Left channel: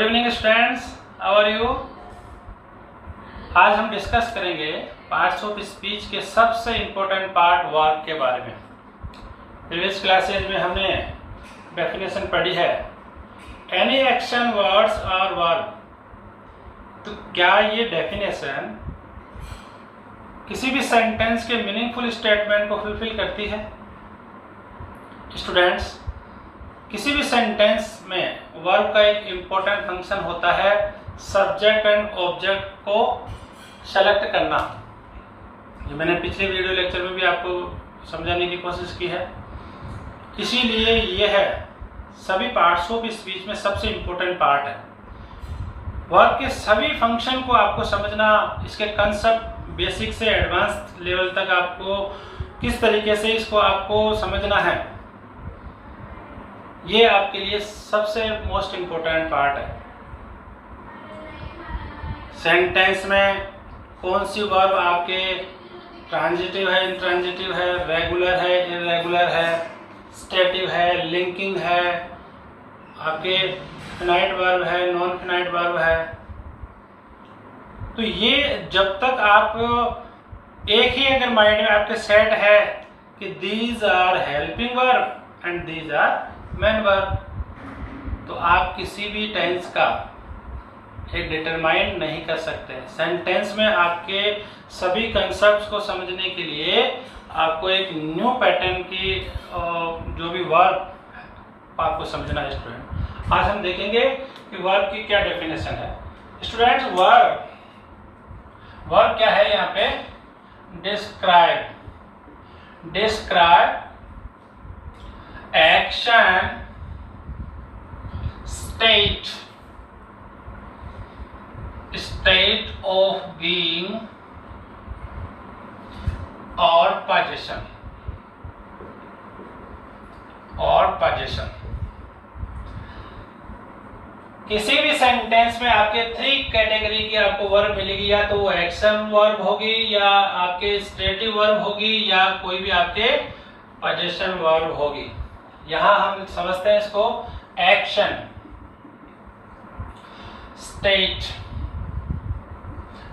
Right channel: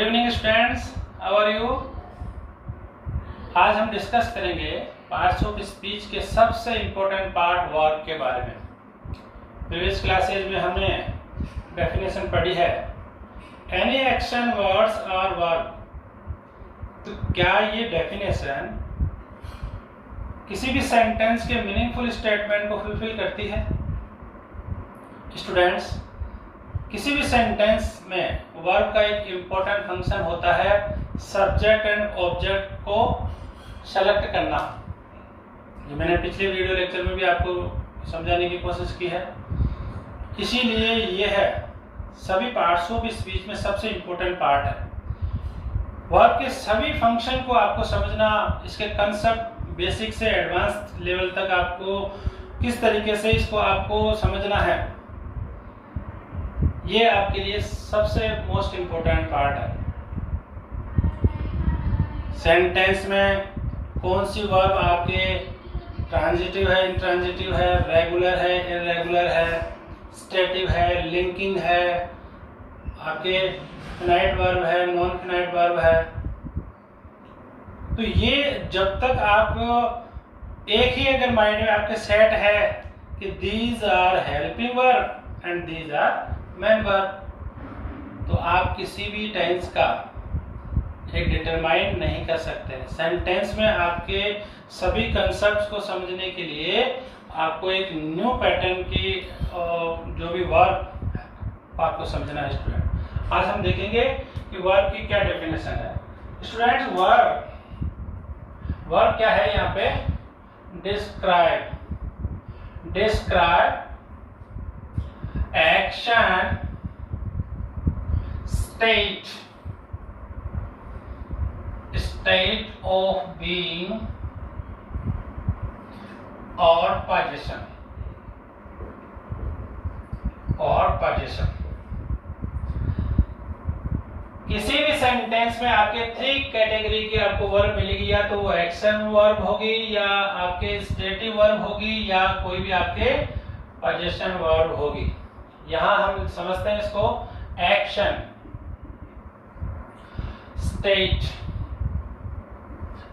Good evening students, how are you. आज हम discuss करेंगे पार्ट्स ऑफ स्पीच के सबसे इम्पोर्टेंट पार्ट वर्ब के बारे में। प्रीवियस क्लासेज में हमने डेफिनेशन पढ़ी है एनी एक्शन वर्ड्स और वर्ब। तो क्या ये डेफिनेशन किसी भी सेंटेंस के मीनिंगफुल स्टेटमेंट को फुलफिल करती है? स्टूडेंट्स, किसी भी सेंटेंस में वर्ब का एक इम्पोर्टेंट फंक्शन होता है सब्जेक्ट एंड ऑब्जेक्ट को सेलेक्ट करना। जो मैंने पिछले वीडियो लेक्चर में भी आपको समझाने की कोशिश की है। इसीलिए यह है सभी पार्ट्स ऑफ स्पीच में सबसे इम्पोर्टेंट पार्ट है। वर्ब के सभी फंक्शन को आपको समझना, इसके कंसेप्ट बेसिक से एडवांस लेवल तक आपको किस तरीके से इसको आपको समझना है, ये आपके लिए सबसे मोस्ट इम्पोर्टेंट पार्ट है। सेंटेंस में कौन सी वर्ब आपके ट्रांजिटिव है, इंट्रांजिटिव है, रेगुलर है, इर्रेगुलर है, स्टेटिव है, लिंकिंग है, आपके फिनाइट वर्ब है, नॉन फिनाइट वर्ब है। तो ये जब तक आप एक ही अगर माइंड में आपके सेट है कि these are helping verb and these are main verb, तो आप किसी भी टेंस का एक डिटरमाइन नहीं कर सकते। सेंटेंस में आपके सभी कंसेप्ट्स को समझने के लिए आपको एक न्यू पैटर्न की जो भी वर्ब आपको समझना है। स्टूडेंट, आज हम देखेंगे कि वर्ब की क्या डेफिनेशन है। स्टूडेंट्स, वर्ब क्या है यहाँ पे? Describe action, state of being or position किसी भी सेंटेंस में आपके थ्री कैटेगरी की आपको वर्ब मिलेगी, या तो वो एक्शन वर्ब होगी, या आपके स्टेटिव वर्ब होगी, या कोई भी आपके पोजीशन वर्ब होगी। यहां हम समझते हैं इसको action, state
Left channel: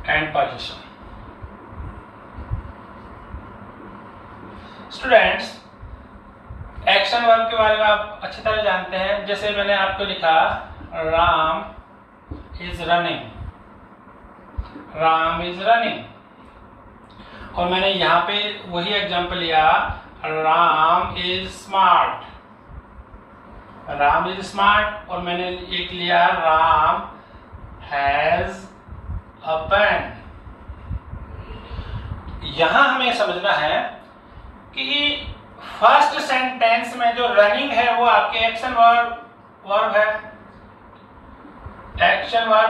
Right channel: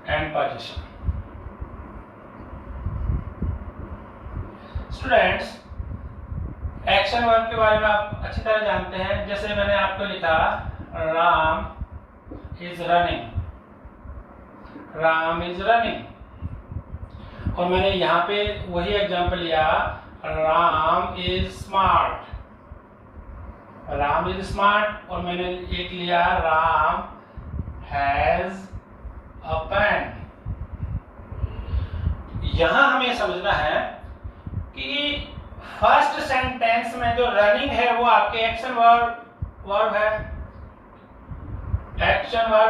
and position. Students, action verb के बारे में आप अच्छी तरह जानते हैं। जैसे मैंने आपको लिखा राम इज रनिंग, और मैंने यहाँ पे वही एग्जांपल लिया राम इज स्मार्ट, और मैंने एक लिया राम हैज अ पेन। यहां हमें समझना है कि फर्स्ट सेंटेंस में जो रनिंग है वो आपके एक्शन वर्ब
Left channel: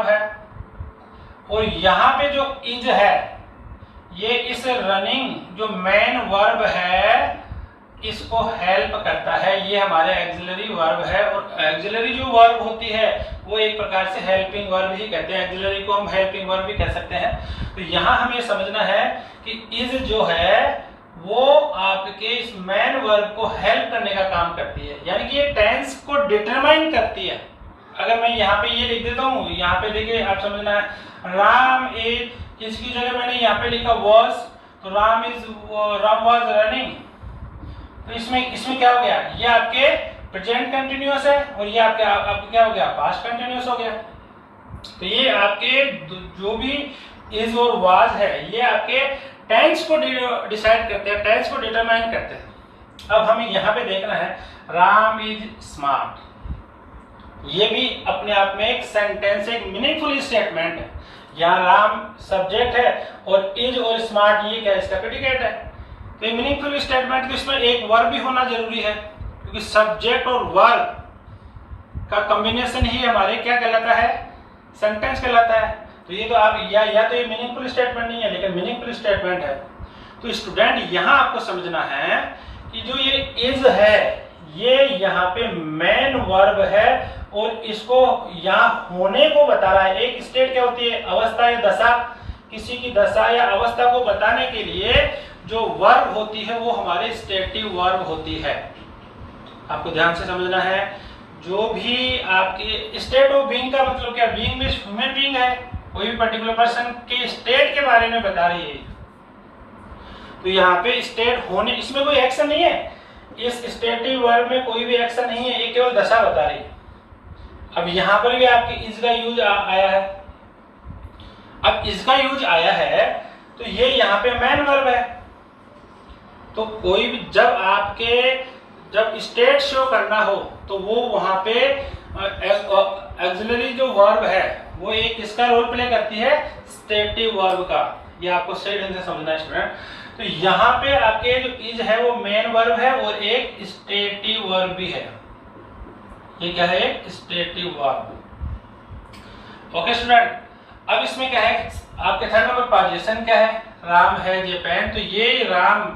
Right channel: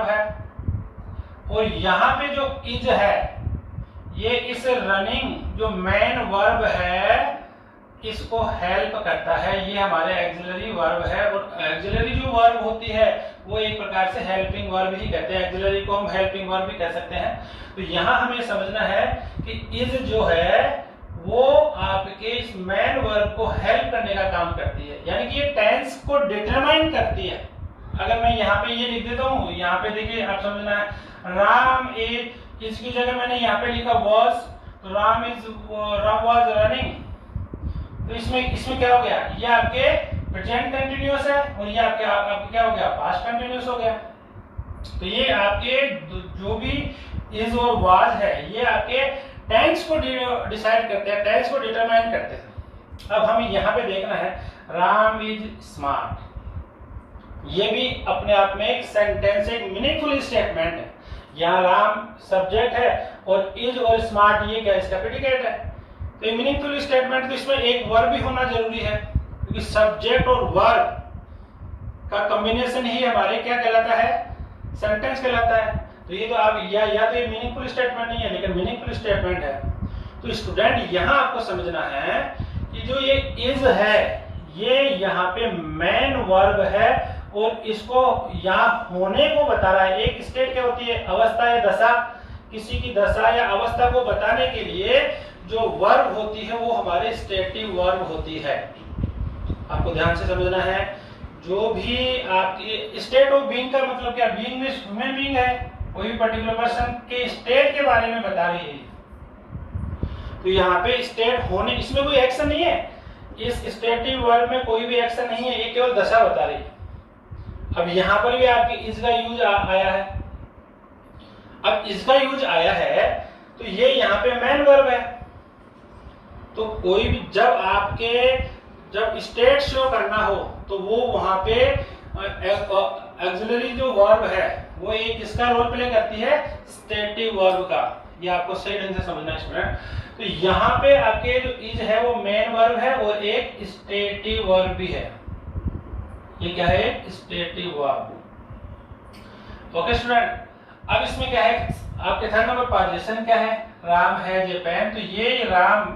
है, और यहां पे जो इज है ये इस रनिंग जो मेन वर्ब है इसको हेल्प करता है। ये हमारे एक्सिलरी वर्ब है, और एक्सिलरी जो वर्ब होती है वो एक प्रकार से हेल्पिंग वर्ब ही कहते हैं। एक्सिलरी को हम हेल्पिंग वर्ब भी कह सकते हैं। तो यहाँ हमें समझना है कि इज जो है वो आपके इस मेन वर्ब को हेल्प करने का काम करती है, यानी कि ये टेंस को डिटरमाइन करती है। अगर मैं यहाँ पे ये लिख देता हूँ, यहाँ पे देखिए आप समझना है राम इज, इसकी जगह मैंने यहाँ पे लिखा वॉज, तो राम वॉज रनिंग। तो इसमें क्या हो गया? ये आपके प्रेजेंट कंटिन्यूअस है, और ये आपके क्या हो गया? पास्ट कंटिन्यूअस हो गया। तो ये आपके जो भी इज और वाज है ये आपके टेंस को डिसाइड करते हैं, टेंस को डिटरमाइन करते हैं। अब हमें यहाँ पे देखना है राम इज स्मार्ट, ये भी अपने आप में एक सेंटेंस, एक मीनिंगफुल स्टेटमेंट है। यहाँ राम सब्जेक्ट है और इज और स्मार्ट ये क्या? इसका प्रेडिकेट है। तो ये मीनिंगफुल स्टेटमेंट, तो इसमें एक वर्ब भी होना जरूरी है, क्योंकि सब्जेक्ट और वर्ब का कॉम्बिनेशन ही हमारे क्या कहलाता है? सेंटेंस कहलाता है। तो ये तो आप या तो ये मीनिंगफुल स्टेटमेंट नहीं है, लेकिन मीनिंगफुल स्टेटमेंट है। तो स्टूडेंट, यहाँ आपको समझना है कि जो ये इज है ये यहाँ पे मेन वर्ब है, और इसको यहाँ होने को बता रहा है। एक स्टेट क्या होती है? अवस्था या दशा। किसी की दशा या अवस्था को बताने के लिए जो वर्ब होती है वो हमारे स्टेटिव वर्ब होती है। आपको ध्यान से समझना है जो भी आपके स्टेट ऑफ बीइंग का मतलब क्या, बीइंग में ह्यूमन बीइंग है, कोई भी पर्टिकुलर पर्सन के स्टेट के बारे में बता रही है। तो यहाँ पे स्टेट होने, इसमें कोई एक्शन नहीं है, इस स्टेटिव वर्ब में कोई भी एक्शन नहीं है, ये केवल दशा बता रही है। अब यहाँ पर भी आपके इज का यूज आया है। अब इसका यूज आया है तो ये यहाँ पे मैन वर्ब है। तो कोई भी जब स्टेट शो करना हो तो वो वहां पे ऑक्सिलरी जो वर्ब है वो एक इसका रोल प्ले करती है, स्टेटिव वर्ब का। ये आपको सही ढंग से समझना है स्टूडेंट। तो यहाँ पे आपके जो इज है वो मेन वर्ब है और एक स्टेटिव वर्ब भी है। ये क्या है, एक स्टेटिव वर्ब। ओके स्टूडेंट, अब इसमें क्या है, आपके थर्ड नंबर पोजीशन क्या है, राम है ये पेन। तो ये राम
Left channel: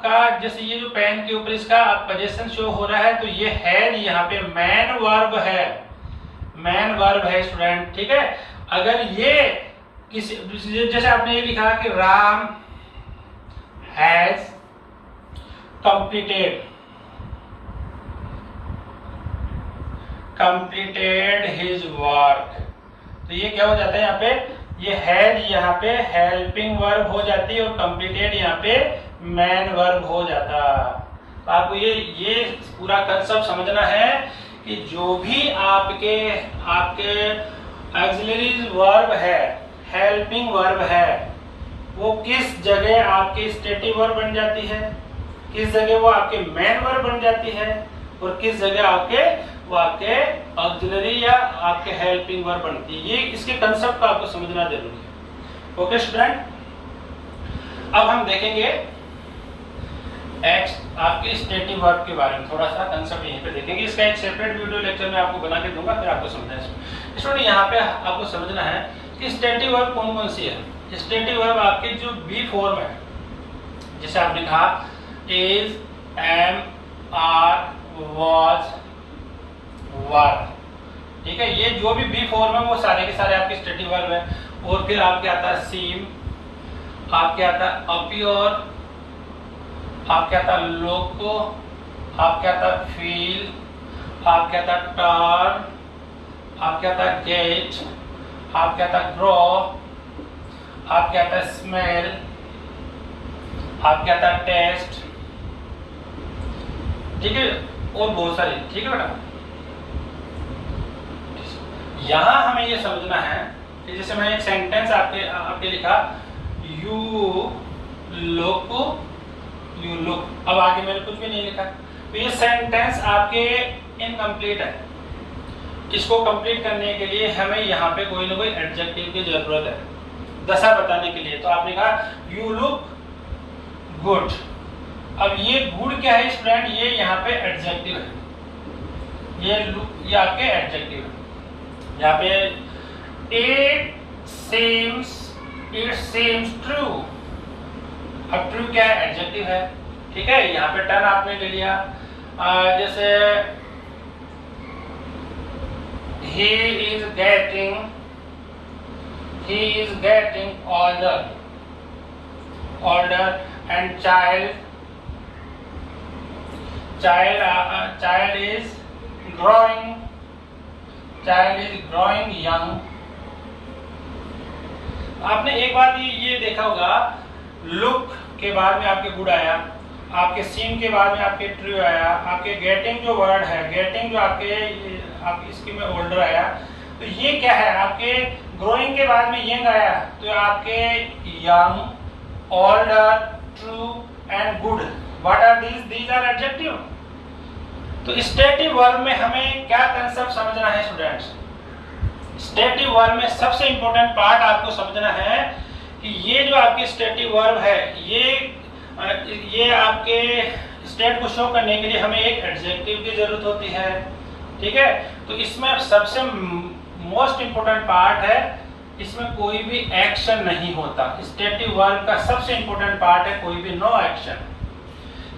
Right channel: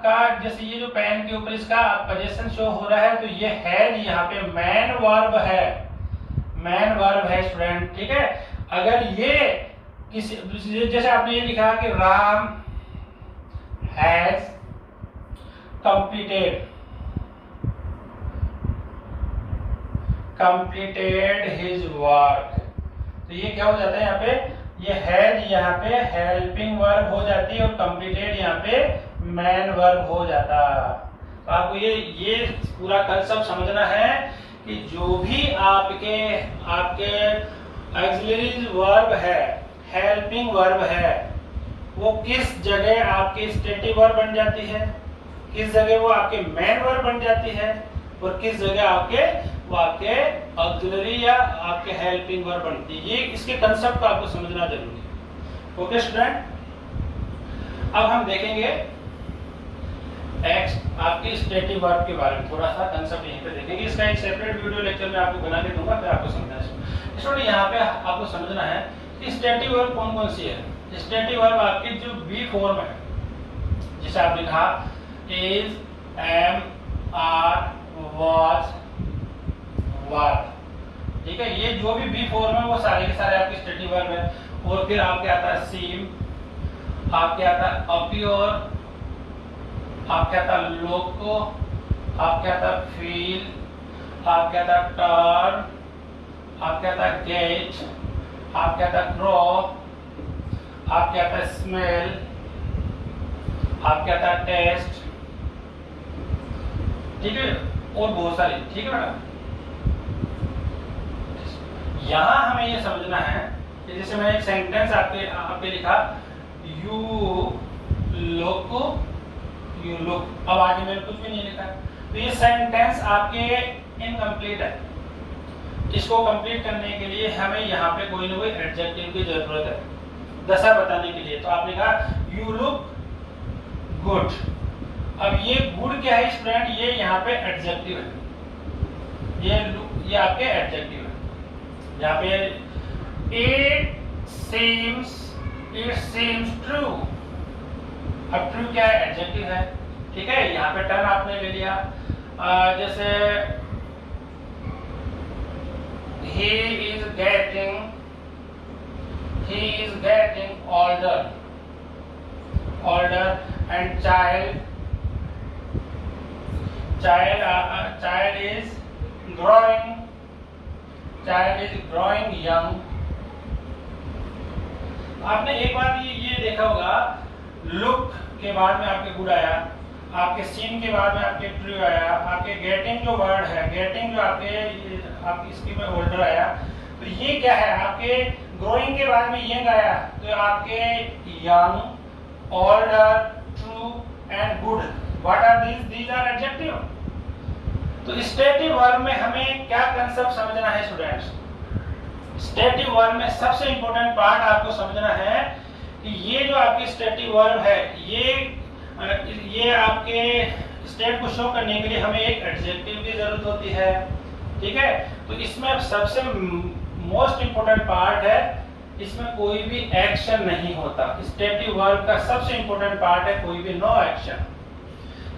का जैसे ये जो पेन के ऊपर इसका पोजीशन शो हो रहा है, तो ये है यहाँ पे मैन वर्ब है, मैन वर्ब है स्टूडेंट। ठीक है, अगर ये किसी जैसे आपने ये लिखा कि Ram has completed his work, तो ये क्या हो जाता है यहाँ पे, ये हैज यहाँ पे हेल्पिंग वर्ब हो जाती है और कंप्लीटेड यहाँ पे मैन वर्ब हो जाता। तो आपको ये पूरा कंसेप्ट समझना है कि जो भी आपके ऑक्सिलरी वर्ब है, हेल्पिंग वर्ब है, वो किस जगह आपकी स्टेटिव वर्ब बन जाती है, किस जगह वो आपके मेन वर्ब बन जाती है और किस जगह वो आपके ऑक्सिलरी या आपके हेल्पिंग वर्ब बनती है। ये इसके कंसेप्ट को आपको समझना जरूरी है। ओके स्टूडेंट, अब हम देखेंगे आपके स्टेटिव वर्ब के बारे में, थोड़ा सा कंसेप्ट यहीं पे देखेंगे। इसका एक सेपरेट वीडियो लेक्चर में आपको बना के दूंगा, फिर आपको समझना है। स्टूडेंट यहाँ पे आपको समझना है कि स्टेटिव वर्ब कौन कौन सी है। स्टेटिव वर्ब आपकी जो बी फॉर्म है, जैसे आपने कहा इज, एम, आर, वाज, वर, ठीक है, ये जो भी बी फॉर्म है वो सारे के सारे आपके स्टेटिव वर्ब है। और फिर आपके आता है सीम, आपके आता है अपीयर, आपके आता है लोको, आपके आता है फील, आपके आता है टर्न, आपके आता है गेट, आपके आता है ग्रो, आपके आता है स्मेल, आपके आता है टेस्ट, ठीक है, और बहुत सारी। ठीक है बेटा, यहां हमें ये समझना है कि जैसे मैं एक सेंटेंस आपके लिखा यू लुक, अब आगे मैंने कुछ भी नहीं लिखा, तो ये सेंटेंस आपके इनकम्प्लीट है। इसको कंप्लीट करने के लिए हमें यहाँ पे कोई ना कोई एडजेक्टिव की जरूरत है, दशा बताने के लिए। तो आपने कहा यू लुक गुड, अब ये गुड क्या है स्टूडेंट, ये यहाँ पे एडजेक्टिव है, ये आपके एडजेक्टिव है। यहाँ पे इट सीम्स ट्रू, अब ट्रू क्या है, एडजेक्टिव है। ठीक है, यहाँ पे टर्न आपने ले लिया, जैसे he is getting older and child is growing young। आपने एक बात ये देखा होगा, लुक के बाद में आपके गुड आया, आपके सीन के बाद में आपके ट्रू आया, आपके गेटिंग जो वर्ड है, गेटिंग जो आपके इसकी में ओल्डर आया, तो ये क्या है, आपके ग्रोइंग के बाद में यंग आया, तो आपके young, older, true and good, what are these are adjective. तो स्टेटिव वर्ब में हमें क्या कंसेप्ट समझना है स्टूडेंट्स, स्टेटिव वर्ब में सबसे इंपॉर्टेंट पार्ट आपको समझना है कि ये जो आपकी स्टेटिव वर्ब है, ये आपके स्टेट को शो करने के लिए हमें एक एडजेक्टिव की जरूरत होती है। ठीक है, तो इसमें सबसे मोस्ट इंपोर्टेंट पार्ट है, इसमें कोई भी एक्शन नहीं होता। स्टेटिव वर्ब का सबसे इंपोर्टेंट पार्ट है कोई भी नो एक्शन।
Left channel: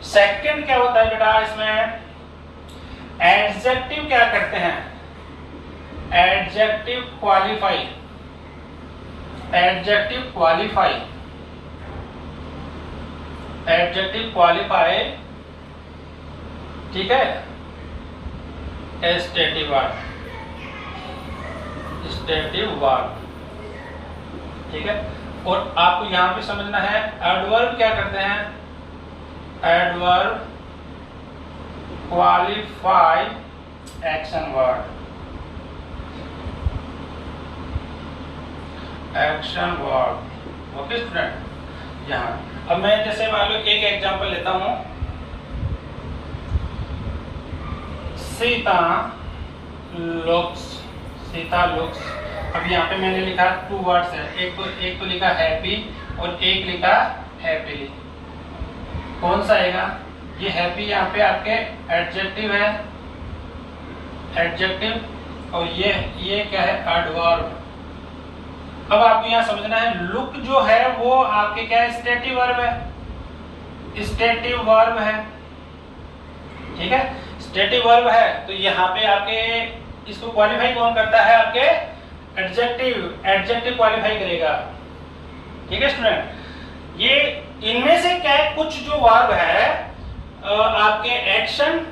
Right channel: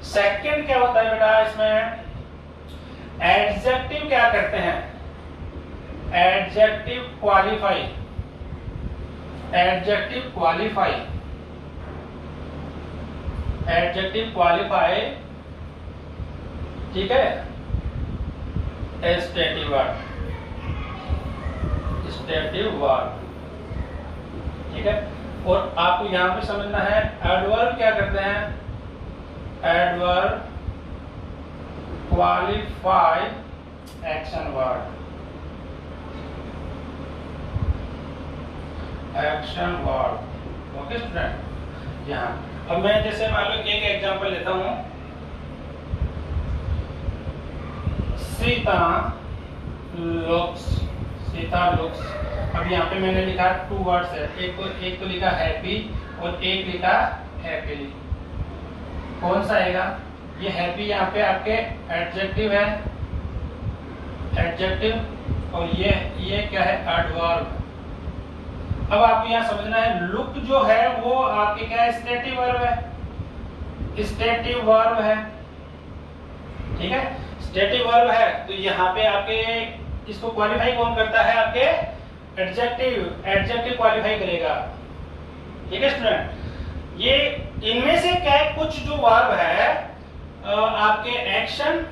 सेकंड क्या होता है बेटा, इसमें एडजेक्टिव क्या करते हैं, एडजेक्टिव क्वालिफाई, एडजेक्टिव क्वालिफाई, ठीक है, स्टेटिव वर्ब, स्टेटिव वर्ब, ठीक है। और आपको यहां पे समझना है एडवर्ब क्या करते हैं, adverb qualify action word, action word, okay student. यहाँ अब मैं जैसे मान लो एक एग्जांपल लेता हूं, सीता लुक्स, सीता लुक्स। अब यहाँ पे मैंने लिखा 2 वर्ड्स है, एक तो लिखा हैप्पी और एक लिखा हैप्पीली। कौन सा आएगा? ये हैप्पी यहाँ पे आपके एडजेक्टिव है, एडजेक्टिव, और ये क्या है? एडवर्ब। अब आपको यहाँ समझना है लुक जो है वो आपके क्या है? स्टेटिव वर्ब है, स्टेटिव वर्ब है, ठीक है, स्टेटिव वर्ब है। तो यहाँ पे आपके इसको क्वालिफाई कौन करता है? आपके एडजेक्टिव, एडजेक्टिव क्वालिफाई करेगा, ठीक है स्टूडेंट। ये इनमें से क्या है? कुछ जो वर्ब है आपके एक्शन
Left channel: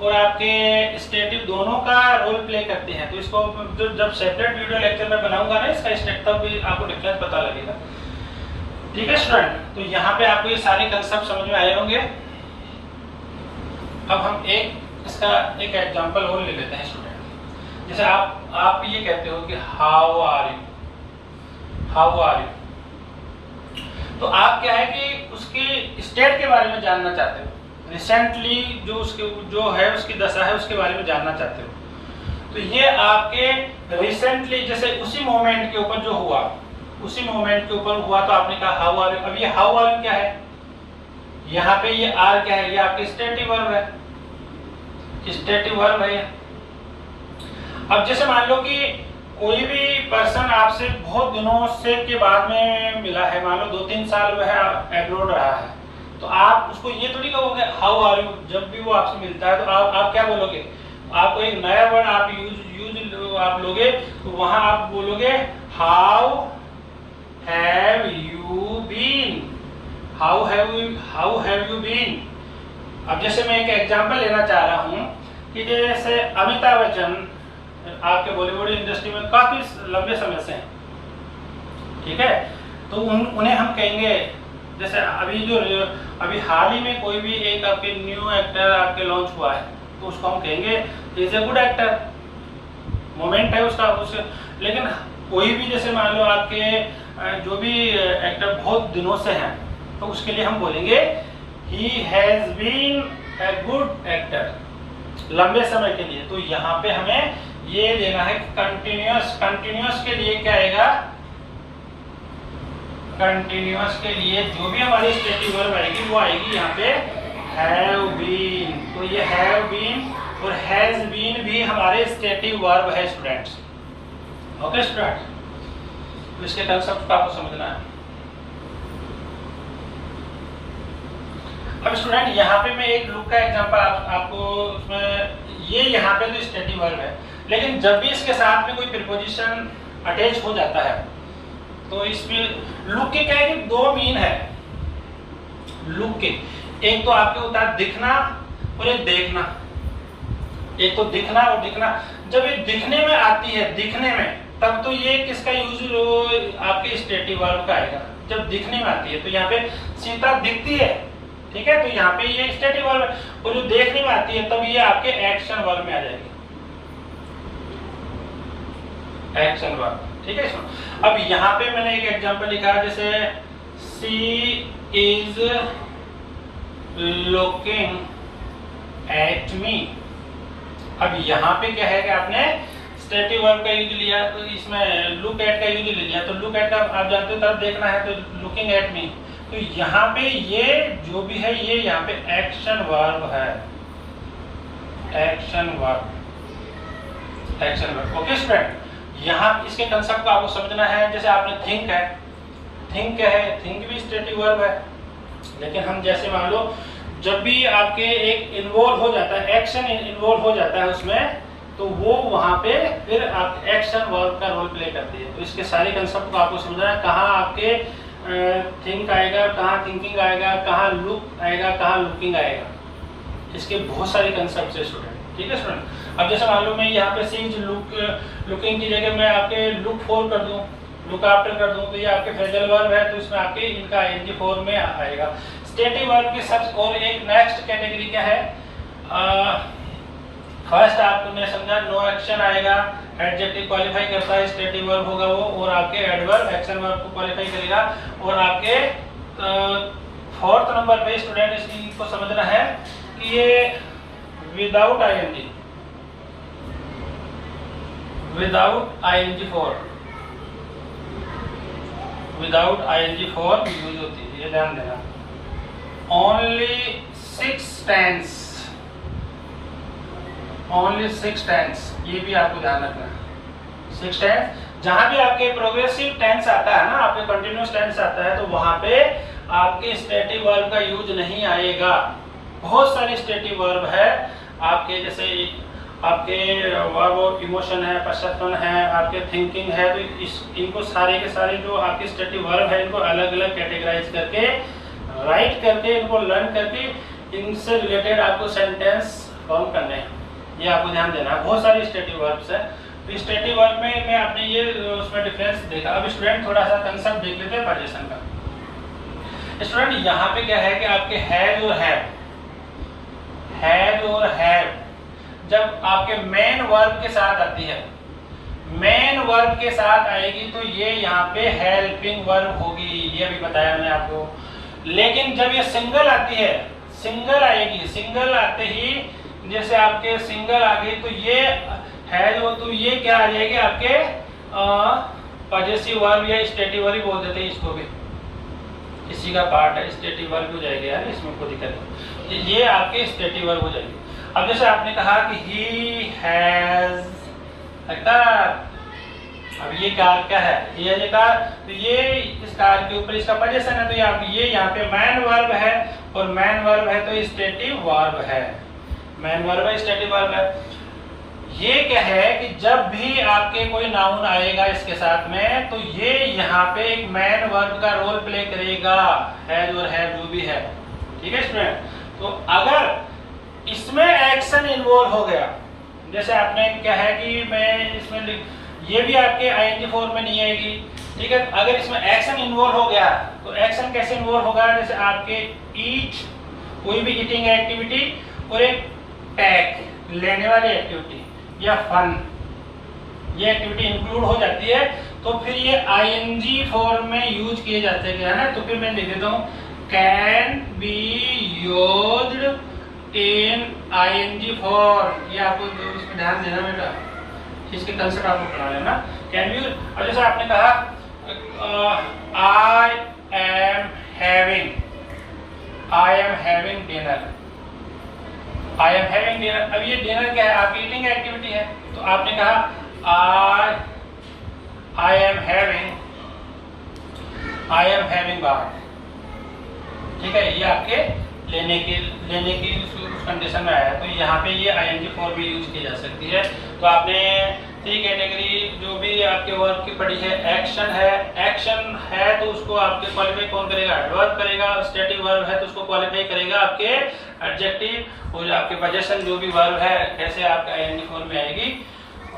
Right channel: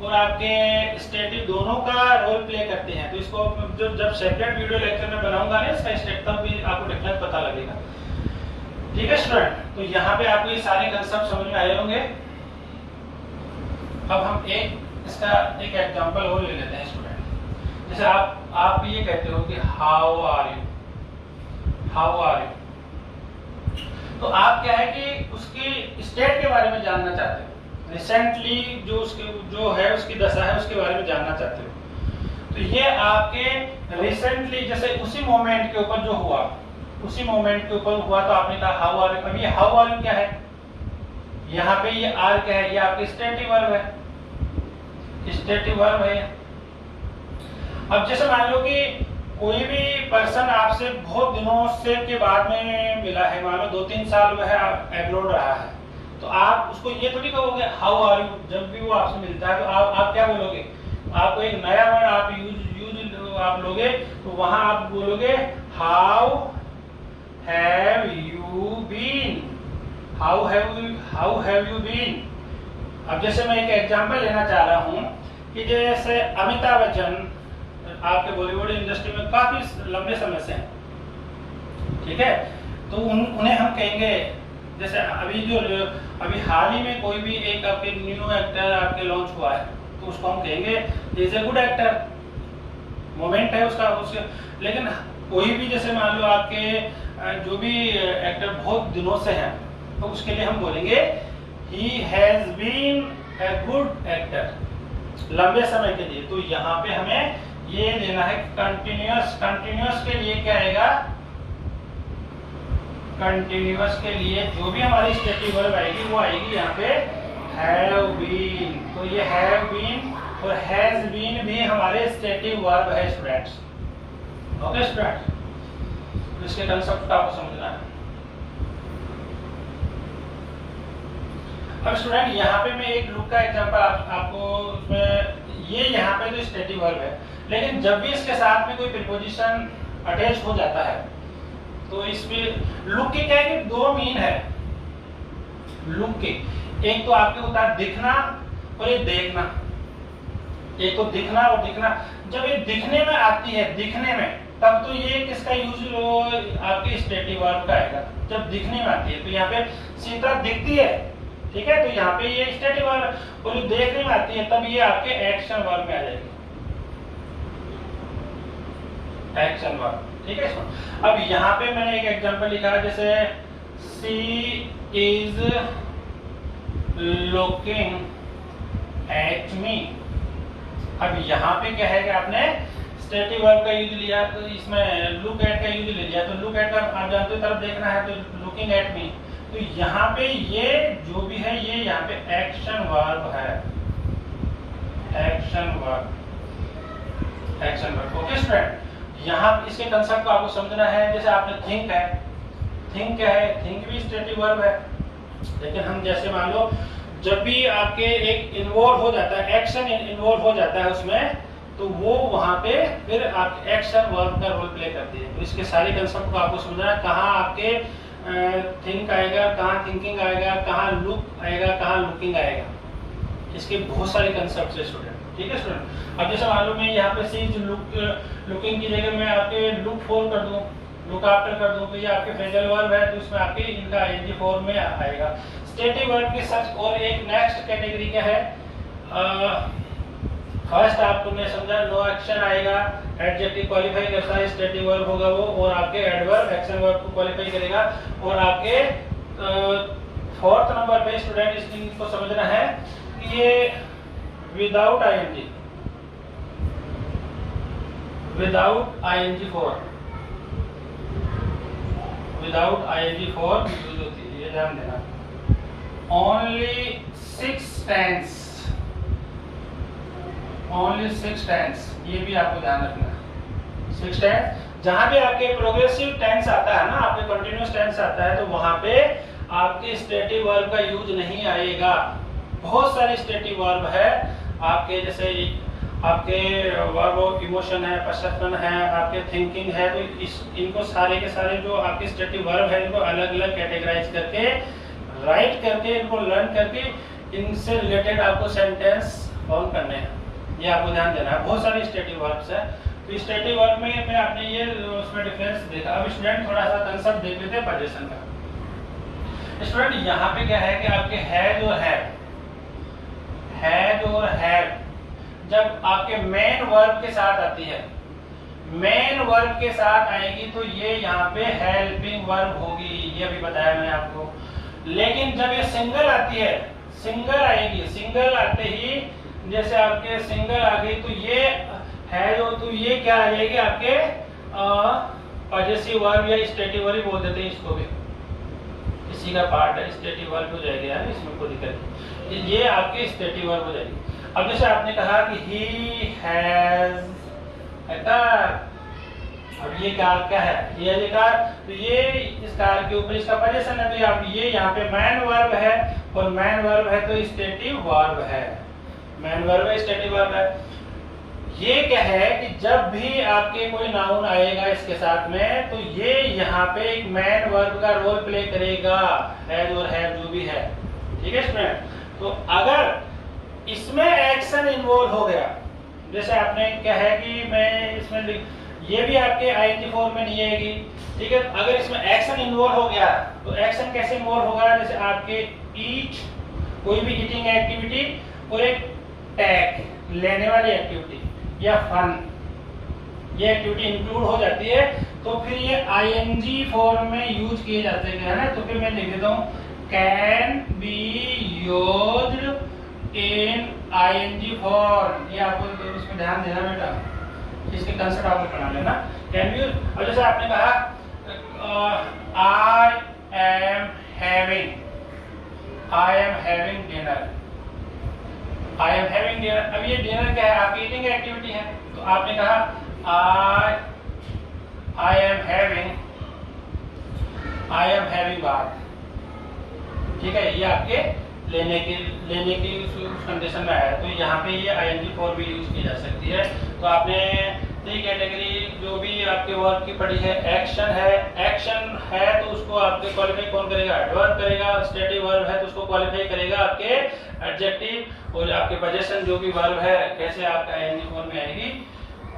और आपके स्टेटिव दोनों का रोल प्ले करते हैं। तो इसको जब सेपरेट वीडियो लेक्चर में बनाऊंगा ना, इसका स्टेट तब भी आपको डिफरेंस पता लगेगा, ठीक है स्टूडेंट। तो यहाँ पे आपको ये सारे कंसेप्ट समझ में आए होंगे। अब हम इसका एक एग्जांपल और ले लेते हैं स्टूडेंट। जैसे आप ये कहते हो कि how are you, how are you, तो आप क्या है कि उसकी स्टेट के बारे में जानना चाहते हो, रिसेंटली जो उसके जो है उसकी दशा है उसके बारे में जानना चाहते हो। तो ये आपके रिसेंटली जैसे उसी मोमेंट के ऊपर जो हुआ, उसी मोमेंट के ऊपर हुआ, तो आपने कहा हाउ आर यू। अब ये हाउ आर यू क्या है? यहाँ पे ये आर क्या है? ये आपकी स्टेटिव वर्ब है, स्टेटिव वर्ब है। अब जैसे मान लो कि कोई भी पर्सन आपसे बहुत दिनों से के बाद में मिला है, मान लो 2-3 साल वह एब्रोड रहा है, तो आप उसको ये तो नहीं कहोगे हाउ आर यू। जब भी वो आपसे मिलता है तो आप क्या बोलोगे? आपको एक नया वर्ड आप यूज आप लोगे, तो वहां आप बोलोगे how have you been, how have you been. अब जैसे मैं एक एग्जांपल लेना चाह रहा हूं कि जैसे अमिताभ बच्चन आपके बॉलीवुड इंडस्ट्री में काफी लंबे समय से हैं, ठीक है, तो उन्हें हम कहेंगे, जैसे अभी हाल ही में कोई भी एक आपके न्यू एक्टर आपके लॉन्च हुआ है, तो उसको हम कहेंगे is a good actor, moment है उसका लेकिन कोई भी जैसे मान लो आपके जो भी एक्टर बहुत दिनों से हैं, तो उसके लिए हम बोलेंगे he has been a good actor, लंबे समय के लिए। तो यहाँ पे हमें ये लेना है कंटिन्यूअस, कंटिन्यूअस के लिए क्या आएगा? कंटिन्यूअस के लिए जो भी हमारी स्टेटिव वर्ब आएगी वो आएगी यहाँ पे हैव बीन। तो ये हैव बीन और हैज बीन भी हमारे स्टेटिव वर्ब है स्टूडेंट्स, ओके स्टूडेंट। तो इसके कंसेप्ट को आपको समझना है। अब स्टूडेंट यहाँ पे मैं एक लुक का एग्जांपल आपको उसमें, ये यहाँ पे जो स्टेटिव वर्ब है, लेकिन जब भी इसके साथ में कोई प्रीपोजिशन अटैच हो जाता है तो इसमें लुक के क्या है कि 2 मीन है लुक के। एक तो आपके होता है दिखना और एक देखना। एक तो दिखना और दिखना, जब ये दिखने में आती है, दिखने में, तब तो ये किसका यूज आपके स्टेटिव वर्ब का आएगा, जब दिखने में आती है। तो यहाँ पे सीता दिखती है, ठीक है, तो यहाँ पे ये स्टेटिव वर्ब है, और जो देखने में आती है तब ये आपके एक्शन वर्ब में आ जाएगी, एक्शन वर्ब, ठीक है। अब यहाँ पे मैंने एक एग्जांपल लिखा, जैसे she is looking at me. अब यहाँ पे क्या है कि आपने स्टेटिव वर्ब का यूज लिया, तो इसमें लुक एट का यूज ले लिया, तो लुक एट का आप जानते हो तरफ देखना है, तो लुकिंग एट मी। तो यहाँ पे ये जो भी है ये यहाँ पे एक्शन वर्ब है, action verb, action verb, okay student. यहाँ इसके कंसेप्ट को आपको समझना है। जैसे आपने थिंक है, थिंक है, थिंक भी स्टेटिव वर्ब है, लेकिन हम जैसे मान लो जब भी आपके एक इन्वॉल्व हो जाता है, एक्शन इन्वॉल्व हो जाता है उसमें, तो वो वहां पे फिर आप एक्शन वर्ब का रोल प्ले करती है। तो इसके सारे कंसेप्ट को आपको समझना है, कहाँ आपके थिंक आएगा, कहाँ थिंकिंग आएगा, कहाँ लुक आएगा, कहाँ लुकिंग आएगा। इसके बहुत सारे कंसेप्ट है स्टूडेंट। ठीक है स्टूडेंट। अब जैसे मान लो मैं यहाँ पे सी लुकिंग की जगह मैं आपके लुक फॉर कर दूँ, लुक आफ्टर कर दूँ, तो ये आपके फ्रेजल वर्ब है, तो इसमें आपके इनका आईएनजी फॉर्म में आएगा। स्टेटिव वर्ब के सब और एक नेक्स्ट कैटेगरी क्या है, फर्स्ट आपको मैं समझा नो एक्शन आएगा, एडजेक्टिव क्वालिफाई करता है, स्टेटिव वर्ब होगा वो, और आपके एडवर्ब एक्शन वर्ब को क्वालिफाई करेगा। और आपके फोर्थ नंबर पे स्टूडेंट इसको समझना है कि ये without ING, without ING form, without ING form use होती है, ये ध्यान देना। ओनली 6 टेंस, ओनली 6 टेंस, ये भी आपको ध्यान रखना है। 6 टेंस, जहां भी आपके प्रोग्रेसिव टेंस आता है ना, आपके कंटिन्यूअस टेंस आता है, तो वहां पे आपके स्टेटिव वर्ब का यूज नहीं आएगा। बहुत सारे स्टेटिव वर्ब है आपके, जैसे आपके वर्ब ऑफ इमोशन है, परसेप्शन है, आपके थिंकिंग है, तो इनको सारे के सारे जो आपके स्टेटिव वर्ब है, इनको अलग अलग कैटेगराइज करके, राइट करके, इनको लर्न करके, इनसे रिलेटेड आपको सेंटेंस फॉर्म करने हैं। ये आपको ध्यान देना है। बहुत सारे स्टेटिव वर्ब्स है, तो स्टेटिव वर्ब में मैं आपने ये उसमें डिफरेंस देखा। अब स्टूडेंट थोड़ा सा कंसेप्ट देख लेते हैं पोजीशन का। स्टूडेंट यहाँ पे क्या है कि आपके हैज और हैव जब आपके मेन वर्ब के साथ आती है, मेन वर्ब के साथ आएगी, तो ये यहाँ पे हेल्पिंग वर्ब होगी, ये अभी बताया मैंने आपको। लेकिन जब ये सिंगल आती है, सिंगल आएगी, सिंगल आते ही जैसे आपके सिंगल आ गई, तो ये है जो, तो ये क्या आ जाएगी आपके पॉजेसिव वर्ब या स्टेटिव वर्ब बोल देते हैं इसको भी, इसी का पार्ट है, स्टेटिव वर्ब हो जाएगी यार, इसमें कोई दिक्कत नहीं, ये आपके स्टेटिव वर्ब हो जाएगी। अब जैसे आपने कहा कि ही हैज अ कार, अब ये कार क्या है, ये कार, तो ये इस कार के ऊपर इसका पोजीशन है, तो ये यहाँ पे मैन वर्ब है, और मैन वर्ब है तो स्टेटिव वर्ब है, मैन वर्ब है, स्टेटिव वर्ब है। ये क्या है कि जब भी आपके कोई नाउन आएगा इसके साथ में, तो ये यहाँ पे एक मैन वर्ब का रोल प्ले करेगा, हैज और हैव जो भी है, ठीक है स्टूडेंट। तो अगर इसमें एक्शन इन्वॉल्व हो गया, जैसे आपने क्या है कि मैं इसमें ये भी आपके आईएनजी फॉर्म में नहीं आएगी, ठीक है। अगर इसमें एक्शन इन्वॉल्व हो गया, तो एक्शन कैसे इन्वॉल्व होगा, जैसे आपके ईट, कोई भी ईटिंग एक्टिविटी, और एक टैक लेने वाली एक्टिविटी या फन, ये एक्टिविटी इंक्लूड हो जाती है, तो फिर ये आईएनजी फॉर्म में यूज किए जाते हैं ना। तो फिर मैं लिख देता हूँ can be used in ING form, ये आपको उसमें ध्यान देना बेटा, इसके कंसेप्ट आपको पढ़ा लेना। कैन बी, और जैसे आपने कहा I am having dinner, I am having dinner. अब ये डिनर क्या है, आपकी ईटिंग एक्टिविटी है, तो आपने कहा आई एम हैविंग बाथ, ठीक है, ये आपके लेने की कंडीशन में आया, तो यहाँ पे ये आईएनजी फॉर्म भी यूज की जा सकती है। तो आपने 3 कैटेगरी जो भी आपके वर्ब की पढ़ी है, एक्शन है तो उसको आपके क्वालिफाई कौन करेगा, एडवर्ब करेगा, स्टेटिव वर्ब है तो उसको क्वालिफाई करेगा आपके एडजेक्टिव, और आपके पोजीशन जो भी वर्ब है कैसे आपका आईएनजी फॉर्म में आएगी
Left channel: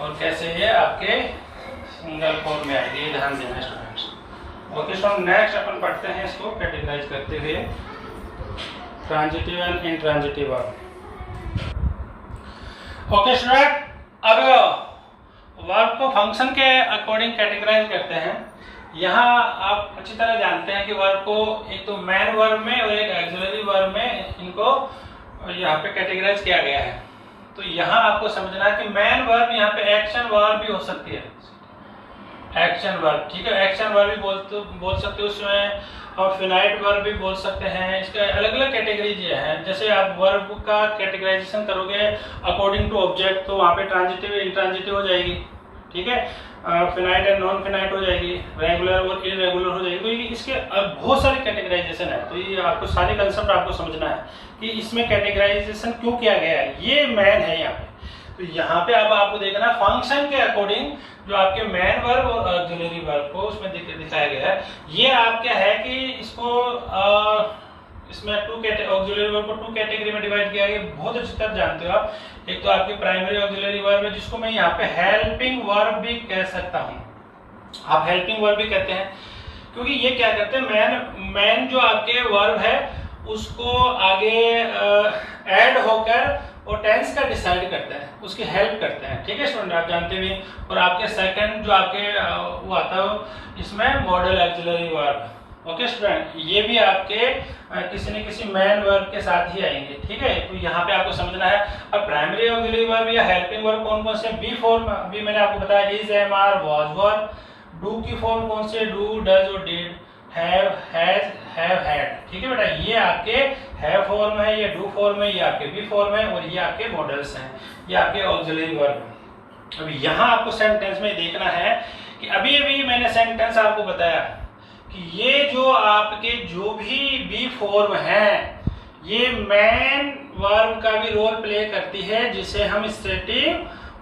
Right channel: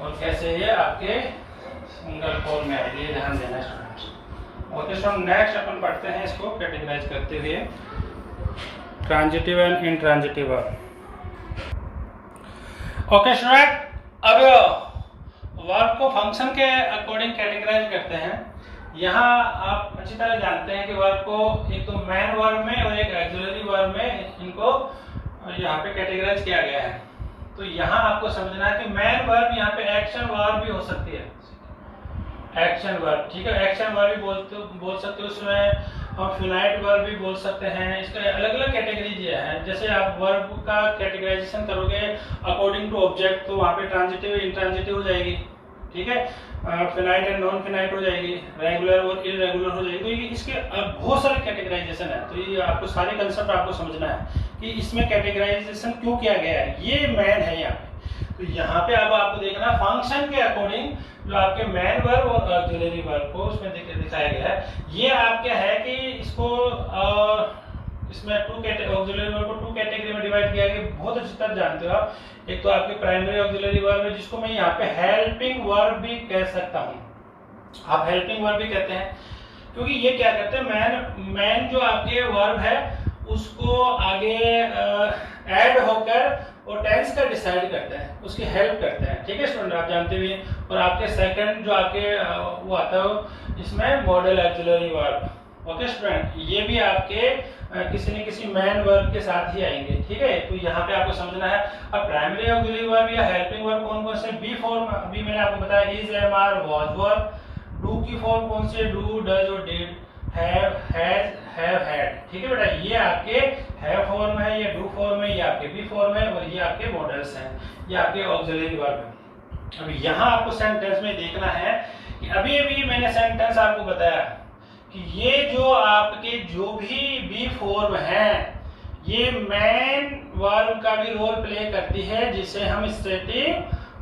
और कैसे ये आपके सिंगल फॉर्म में आएगी, ये ध्यान देना स्टूडेंट्स। ओके स्टूडेंट, नेक्स्ट अपन पढ़ते हैं इसको कैटेगराइज करते हुए, transitive and intransitive verb. Okay student, अब वर्ब को फंक्शन के अकॉर्डिंग कैटेगराइज करते हैं। यहाँ आप अच्छी तरह जानते हैं कि वर्ब को एक तो मैन वर्ब में और एक ऑक्सिलरी वर्ब में इनको यहाँ पे कैटेगराइज किया गया है। तो यहाँ आपको समझना है कि मैन वर्ब यहाँ पे एक्शन वर्ब भी हो सकती है, एक्शन वर्ब, ठीक है, एक्शन वर्ब भी बोल सकते हो उसमें, और फिनाइट वर्ब भी बोल सकते हैं। इसके अलग अलग कैटेगरीज ये हैं। जैसे आप वर्ब का कैटेगराइजेशन करोगे अकॉर्डिंग टू ऑब्जेक्ट, तो वहाँ पे ट्रांजिटिव इंट्रांजिटिव हो जाएगी, ठीक है, फिनाइट एंड नॉन फिनाइट हो जाएगी, रेगुलर और इरेगुलर हो जाएगी। तो ये इसके बहुत सारे कैटेगराइजेशन है, तो ये आपको सारे कंसेप्ट आपको समझना है कि इसमें कैटेगराइजेशन क्यों किया गया है। ये मैन है यहाँ पे, तो यहाँ पे अब आपको देखना फंक्शन के अकॉर्डिंग जो आपके मैन वर्ब और ऑक्सिलरी वर्ब को उसमें दिखाया गया है। ये आप क्या है कि इसको इसमें ऑक्सिलरी वर्ब को 2 कैटेगरी में डिवाइड किया गया, बहुत अच्छी तरह जानते हो आप। एक तो आपकी प्राइमरी ऑक्सिलरी वर्ब है, जिसको मैं यहाँ पे हेल्पिंग वर्ब भी कह सकता हूँ, आप हेल्पिंग वर्ब भी कहते हैं, क्योंकि ये क्या करते हैं, मैन जो आपके वर्ब है उसको आगे ऐड होकर और टेंस का डिसाइड करते हैं, उसकी हेल्प करते हैं। ठीक है स्टूडेंट, आप जानते हुए। और आपके सेकंड जो आपके वो आता है इसमें model auxiliary verb. Okay student, ये भी आपके किसी न किसी मैन वर्ब के साथ ही आएंगे। ठीक है, तो यहाँ पे आपको समझना है। अब प्राइमरी ऑक्सिलरी वर्ब या हेल्पिंग वर्ब कौन कौन से? बी फॉर्म, अभी मैंने आपको बताया, is, am, are, was, were. Do की फॉर्म कौन से? Do, does did have, has, have, had, हैड। ठीक है बेटा, ये आपके हैव फॉर्म है, ये डू फॉर्म है, ये आपके बी फॉर्म है, और ये आपके मॉडल्स हैं, ये आपके ऑक्सिलरी वर्ब। अब यहाँ आपको सेंटेंस में देखना है कि अभी अभी मैंने सेंटेंस आपको बताया कि ये जो आपके जो भी बी फॉर्म है, ये मैन वर्ब का भी रोल प्ले करती है, जिसे हम स्टेटिव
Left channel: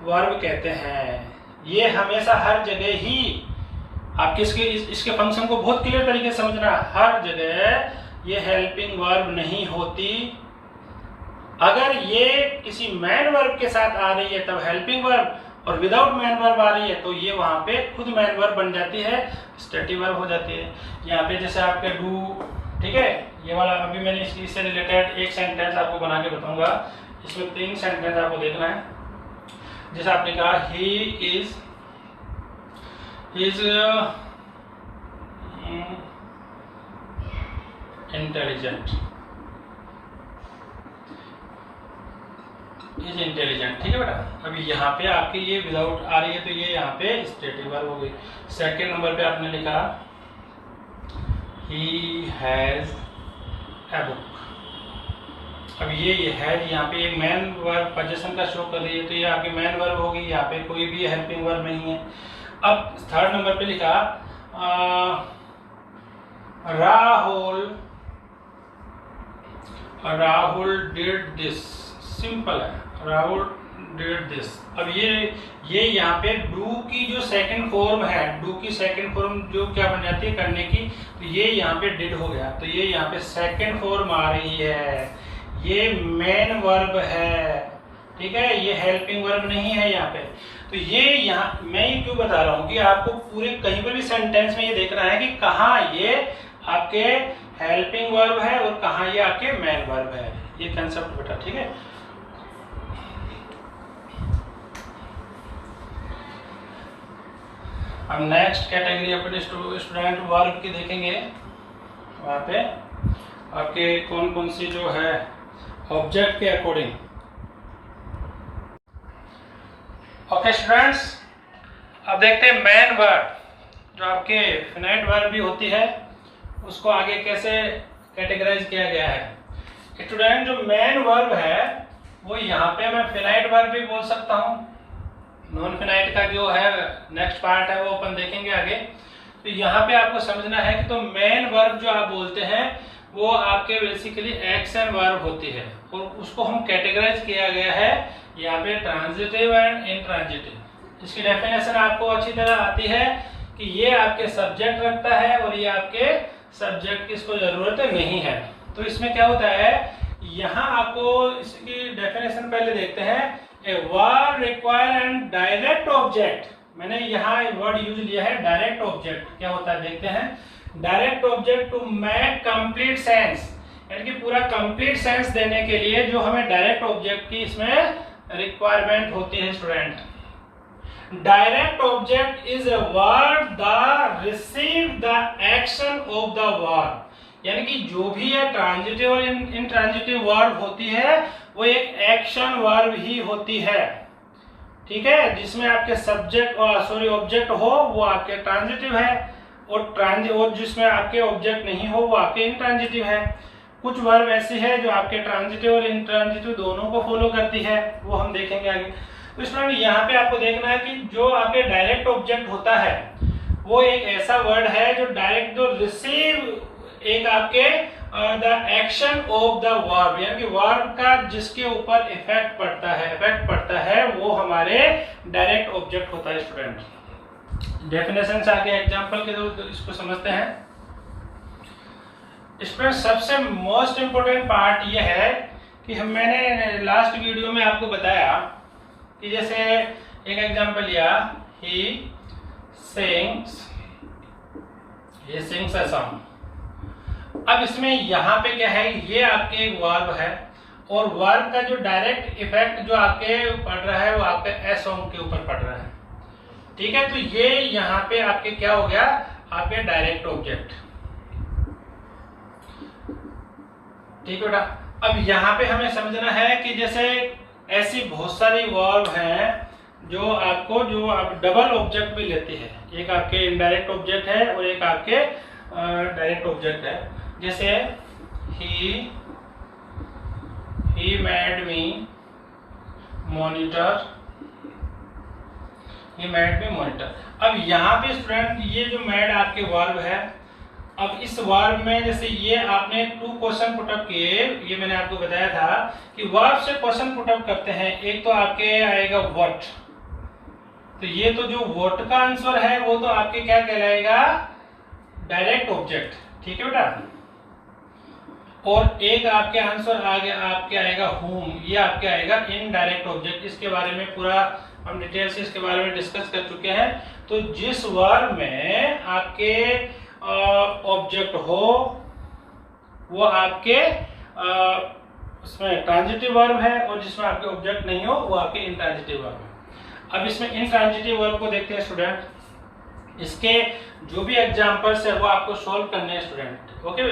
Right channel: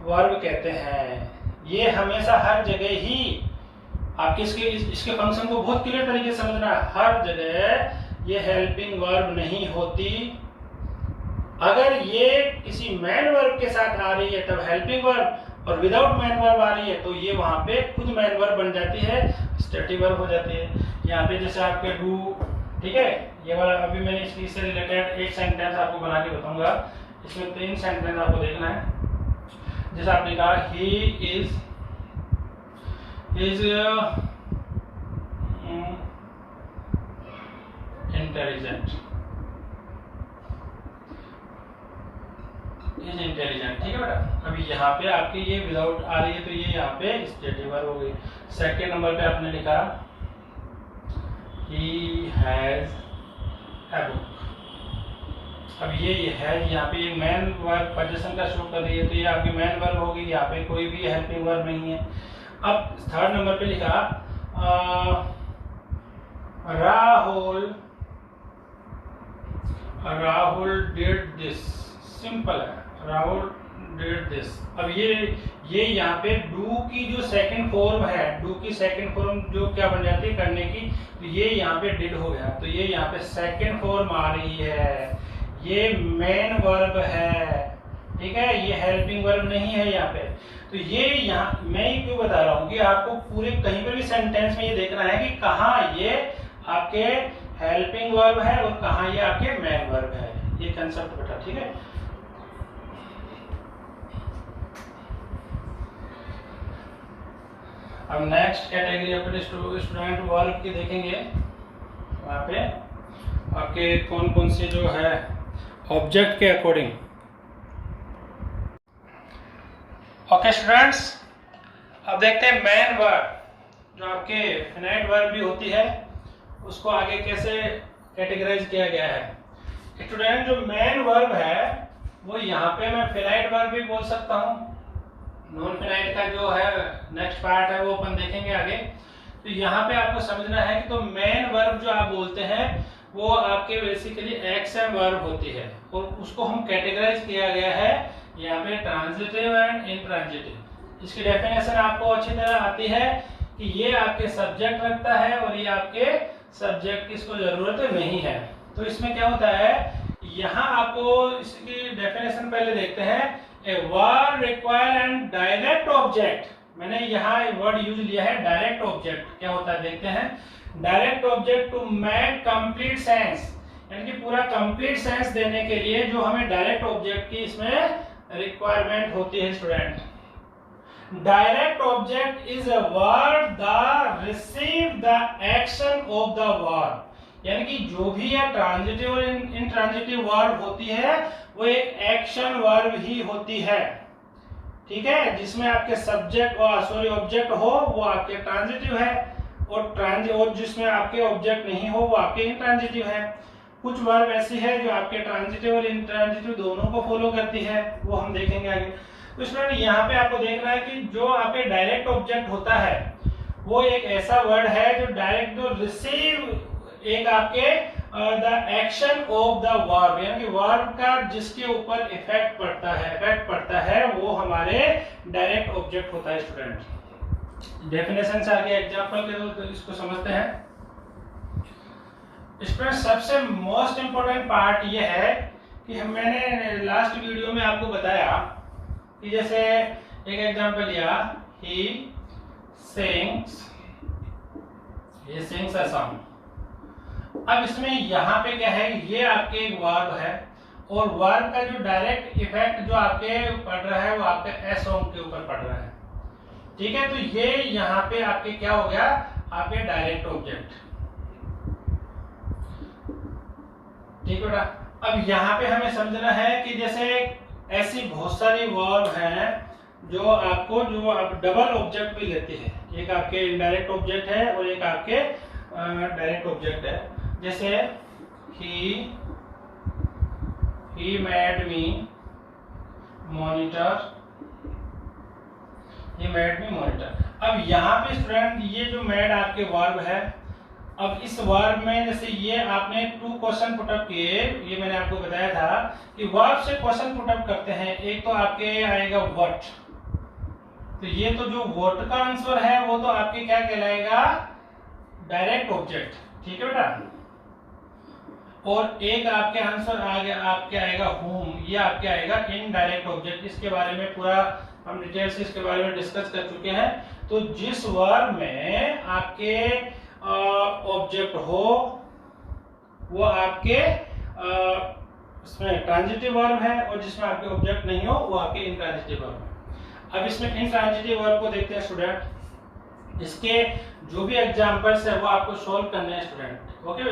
वर्ब कहते हैं। ये हमेशा हर जगह ही आपके इसके फंक्शन को बहुत क्लियर तरीके से समझना, हर जगह ये हेल्पिंग वर्ब नहीं होती। अगर ये किसी मैन वर्ब के साथ आ रही है तब हेल्पिंग वर्ब, और विदाउट मैन वर्ब आ रही है तो ये वहां पे खुद मैन वर्ब बन जाती है, स्टेटिव वर्ब हो जाती है। यहाँ पे जैसे आपके डू, ठीक है, ये वाला अभी मैंने इससे रिलेटेड एक सेंटेंस आपको बना के बताऊंगा। इसमें 3 सेंटेंस आपको देखना है। जैसे आपने कहा he is intelligent, is intelligent. ठीक है बेटा, अभी यहाँ पे आपके ये विदाउट आ रही है तो ये यहाँ पे स्टेटिव वर्ब हो गई। सेकेंड नंबर पे आपने लिखा he has a book। अब ये हैज यहाँ पे मैन वर्ब पोजीशन का शो कर रही है, तो ये आपकी मैन वर्ब होगी, यहाँ पे कोई भी हेल्पिंग वर्ब नहीं है। अब थर्ड नंबर पे लिखा राहुल डिड दिस, सिंपल है, राहुल डिड दिस। अब ये यहाँ पे डू की जो सेकंड फॉर्म है, डू की सेकंड फॉर्म जो क्या बन जाती है करने की, तो ये यहाँ पे डिड हो गया, तो ये यहाँ पे सेकंड फॉर्म आ रही है, ये मेन वर्ब है। ठीक है, ये हेल्पिंग वर्ब नहीं है यहाँ पे। तो ये यहाँ मैं क्यों बता रहा हूँ कि आपको पूरे कहीं पे भी सेंटेंस में ये देखना है कि कहाँ ये आपके हेल्पिंग वर्ब है और कहाँ ये आपके मेन वर्ब है, ये कंसेप्ट बेटा। ठीक है, अब नेक्स्ट कैटेगरी अपने स्टूडेंट वर्ब की देखेंगे। वहाँ पे आपके कौन कौन से जो है ऑब्जेक्ट के अकॉर्डिंग। ओके स्टूडेंट्स, अब देखते हैं मैन वर्ब जो आपके फिनाइट वर्ब भी होती है, उसको आगे कैसे कैटेगराइज किया गया है। स्टूडेंट, जो मैन वर्ब है वो यहाँ पे मैं फिनाइट वर्ब भी बोल सकता हूँ, नॉन फिनाइट का जो है नेक्स्ट पार्ट है वो अपन देखेंगे आगे। तो यहाँ पे आपको समझना है कि तो मेन वर्ब जो आप बोलते हैं वो आपके बेसिकली एक्शन वर्ब होती है, और उसको हम कैटेगराइज किया गया है यहाँ पे ट्रांजिटिव एंड इंट्रांजिटिव। इसकी डेफिनेशन आपको अच्छी तरह आती है कि ये आपके सब्जेक्ट रखता है और ये आपके सब्जेक्ट की इसको जरूरत नहीं है। तो इसमें क्या होता है, यहाँ आपको इसकी डेफिनेशन पहले देखते हैं। A word require and direct object, मैंने यहाँ वर्ड यूज लिया है डायरेक्ट ऑब्जेक्ट। क्या होता है देखते हैं। Direct object to make complete sense, यानी कि पूरा कंप्लीट सेंस देने के लिए जो हमें डायरेक्ट ऑब्जेक्ट की इसमें रिक्वायरमेंट होती है student. Direct object is a word the receive the action of the word, यानी कि जो भी है ट्रांजिटिव और इंट्रांजिटिव वर्ब होती है वो एक एक्शन वर्ब ही होती है। ठीक है, जिसमें आपके सब्जेक्ट ऑब्जेक्ट हो वो आपके ट्रांजिटिव है, और जिसमें आपके ऑब्जेक्ट नहीं हो वो आपके इंट्रांजिटिव है। कुछ वर्ब ऐसी है जो आपके ट्रांजिटिव और इंट्रांजिटिव दोनों को फॉलो करती है, वो हम देखेंगे आगे। तो इसमें यहाँ पे आपको देखना है कि जो आपके डायरेक्ट ऑब्जेक्ट होता है वो एक ऐसा वर्ड है जो डायरेक्ट जो रिसीव एक आपके the action of the verb, यानी कि वर्ब का जिसके ऊपर इफेक्ट पड़ता है वो हमारे डायरेक्ट ऑब्जेक्ट होता है स्टूडेंट। डेफिनेशन से आगे एग्जांपल के तो इसको समझते हैं। स्टूडेंट सबसे मोस्ट इम्पोर्टेंट पार्ट ये है कि मैंने लास्ट वीडियो में आपको बताया कि जैसे एक एग्जांपल लिया, ही सिंग्स अ सॉन्ग। अब इसमें यहाँ पे क्या है, ये आपके वर्ब है और वर्ब का जो डायरेक्ट इफेक्ट जो आपके पड़ रहा है वो आपके ए सॉन्ग के ऊपर पड़ रहा है, ठीक है। तो ये यहाँ पे आपके क्या हो गया, आपके डायरेक्ट ऑब्जेक्ट, ठीक है बेटा। अब यहाँ पे हमें समझना है कि जैसे ऐसी बहुत सारी वर्ब हैं जो आप डबल ऑब्जेक्ट भी लेती है, एक आपके इनडायरेक्ट ऑब्जेक्ट है और एक आपके डायरेक्ट ऑब्जेक्ट है। जैसे ही मेड मी मॉनिटर, अब यहाँ पे स्टूडेंट ये जो मेड आपके वर्ब है, अब इस वर्ब में जैसे ये आपने 2 क्वेश्चन पुटअप किए, ये मैंने आपको बताया था कि वर्ब से क्वेश्चन पुटअप करते हैं। एक तो आपके आएगा व्हाट, तो ये तो जो व्हाट का आंसर है वो तो आपके क्या कहलाएगा, डायरेक्ट ऑब्जेक्ट, ठीक है बेटा। और एक आपके आंसर आपके आएगा होम, ये आपके आएगा इनडायरेक्ट ऑब्जेक्ट। इसके बारे में पूरा हम डिटेल से इसके बारे में डिस्कस कर चुके हैं। तो जिस वर्ब में आपके ऑब्जेक्ट हो वो आपके उसमें ट्रांजिटिव वर्ब है, और जिसमें आपके ऑब्जेक्ट नहीं हो वो आपके इंट्रांजिटिव वर्ब है। अब इसमें इंट्रांजिटिव वर्ब को देखते हैं स्टूडेंट। इसके जो भी एग्जांपल्स है वो आपको सॉल्व करने हैं स्टूडेंट, ओके।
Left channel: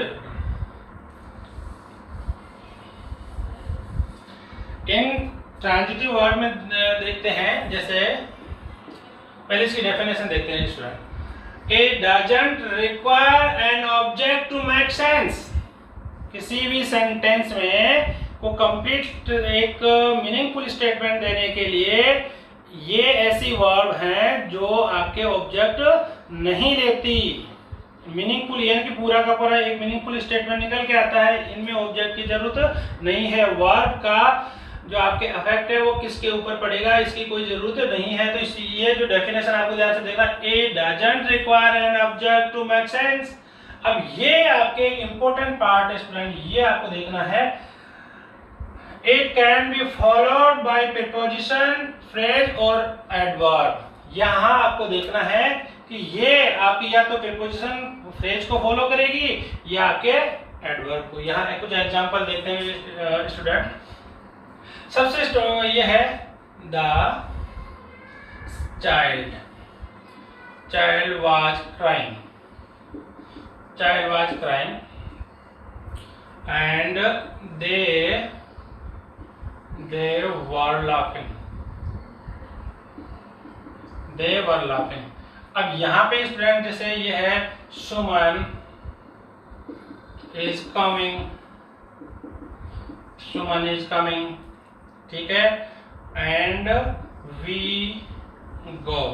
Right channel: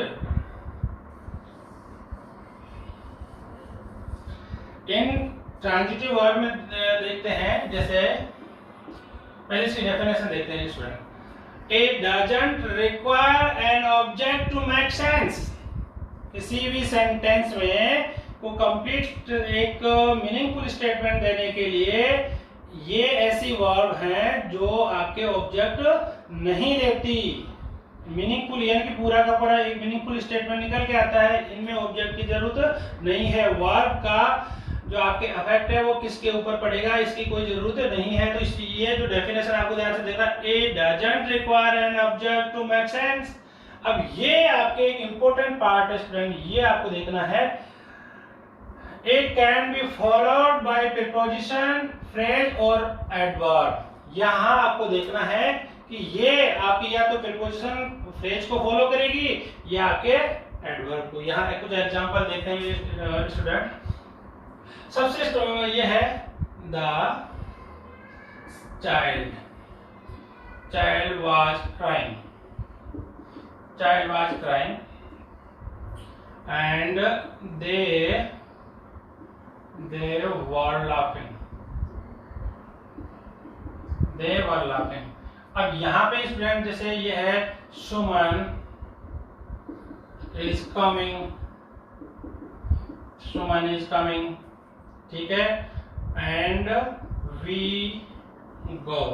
इंट्रांजिटिव वर्ब में देखते हैं, जैसे पहले इसकी डेफिनेशन देखते हैं student. It doesn't require an object to make sense। किसी भी सेंटेंस में को कंप्लीट एक मीनिंगफुल स्टेटमेंट देने के लिए ये ऐसी वर्ब हैं जो आपके ऑब्जेक्ट नहीं लेती। मीनिंगफुल यानी कि पूरा का पूरा एक मीनिंगफुल स्टेटमेंट निकल के आता है, इनमें ऑब्जेक्ट की जरूरत नहीं है। वर्ब का जो आपके अफेक्ट है वो किसके ऊपर पड़ेगा, इसकी कोई जरूरत नहीं है। तो ये जो डेफिनेशन आपको ध्यान से देखना, it doesn't require an object to make sense. अब ये आपके एक इंपॉर्टेंट पार्ट है स्टूडेंट, ये आपको देखना है। It can be followed by preposition, phrase और एडवर्ब। यहाँ आपको देखना है कि ये आपकी या तो प्रीपोजिशन फ्रेज को फॉलो करेगी या आपके एडवर्ब को। यहाँ कुछ एग्जांपल देखते हैं स्टूडेंट। सबसे ये है the child was crying and they were laughing. अब यहाँ पे स्टूडेंट जैसे ये है सुमन इज कमिंग, ठीक है, एंड वी गो,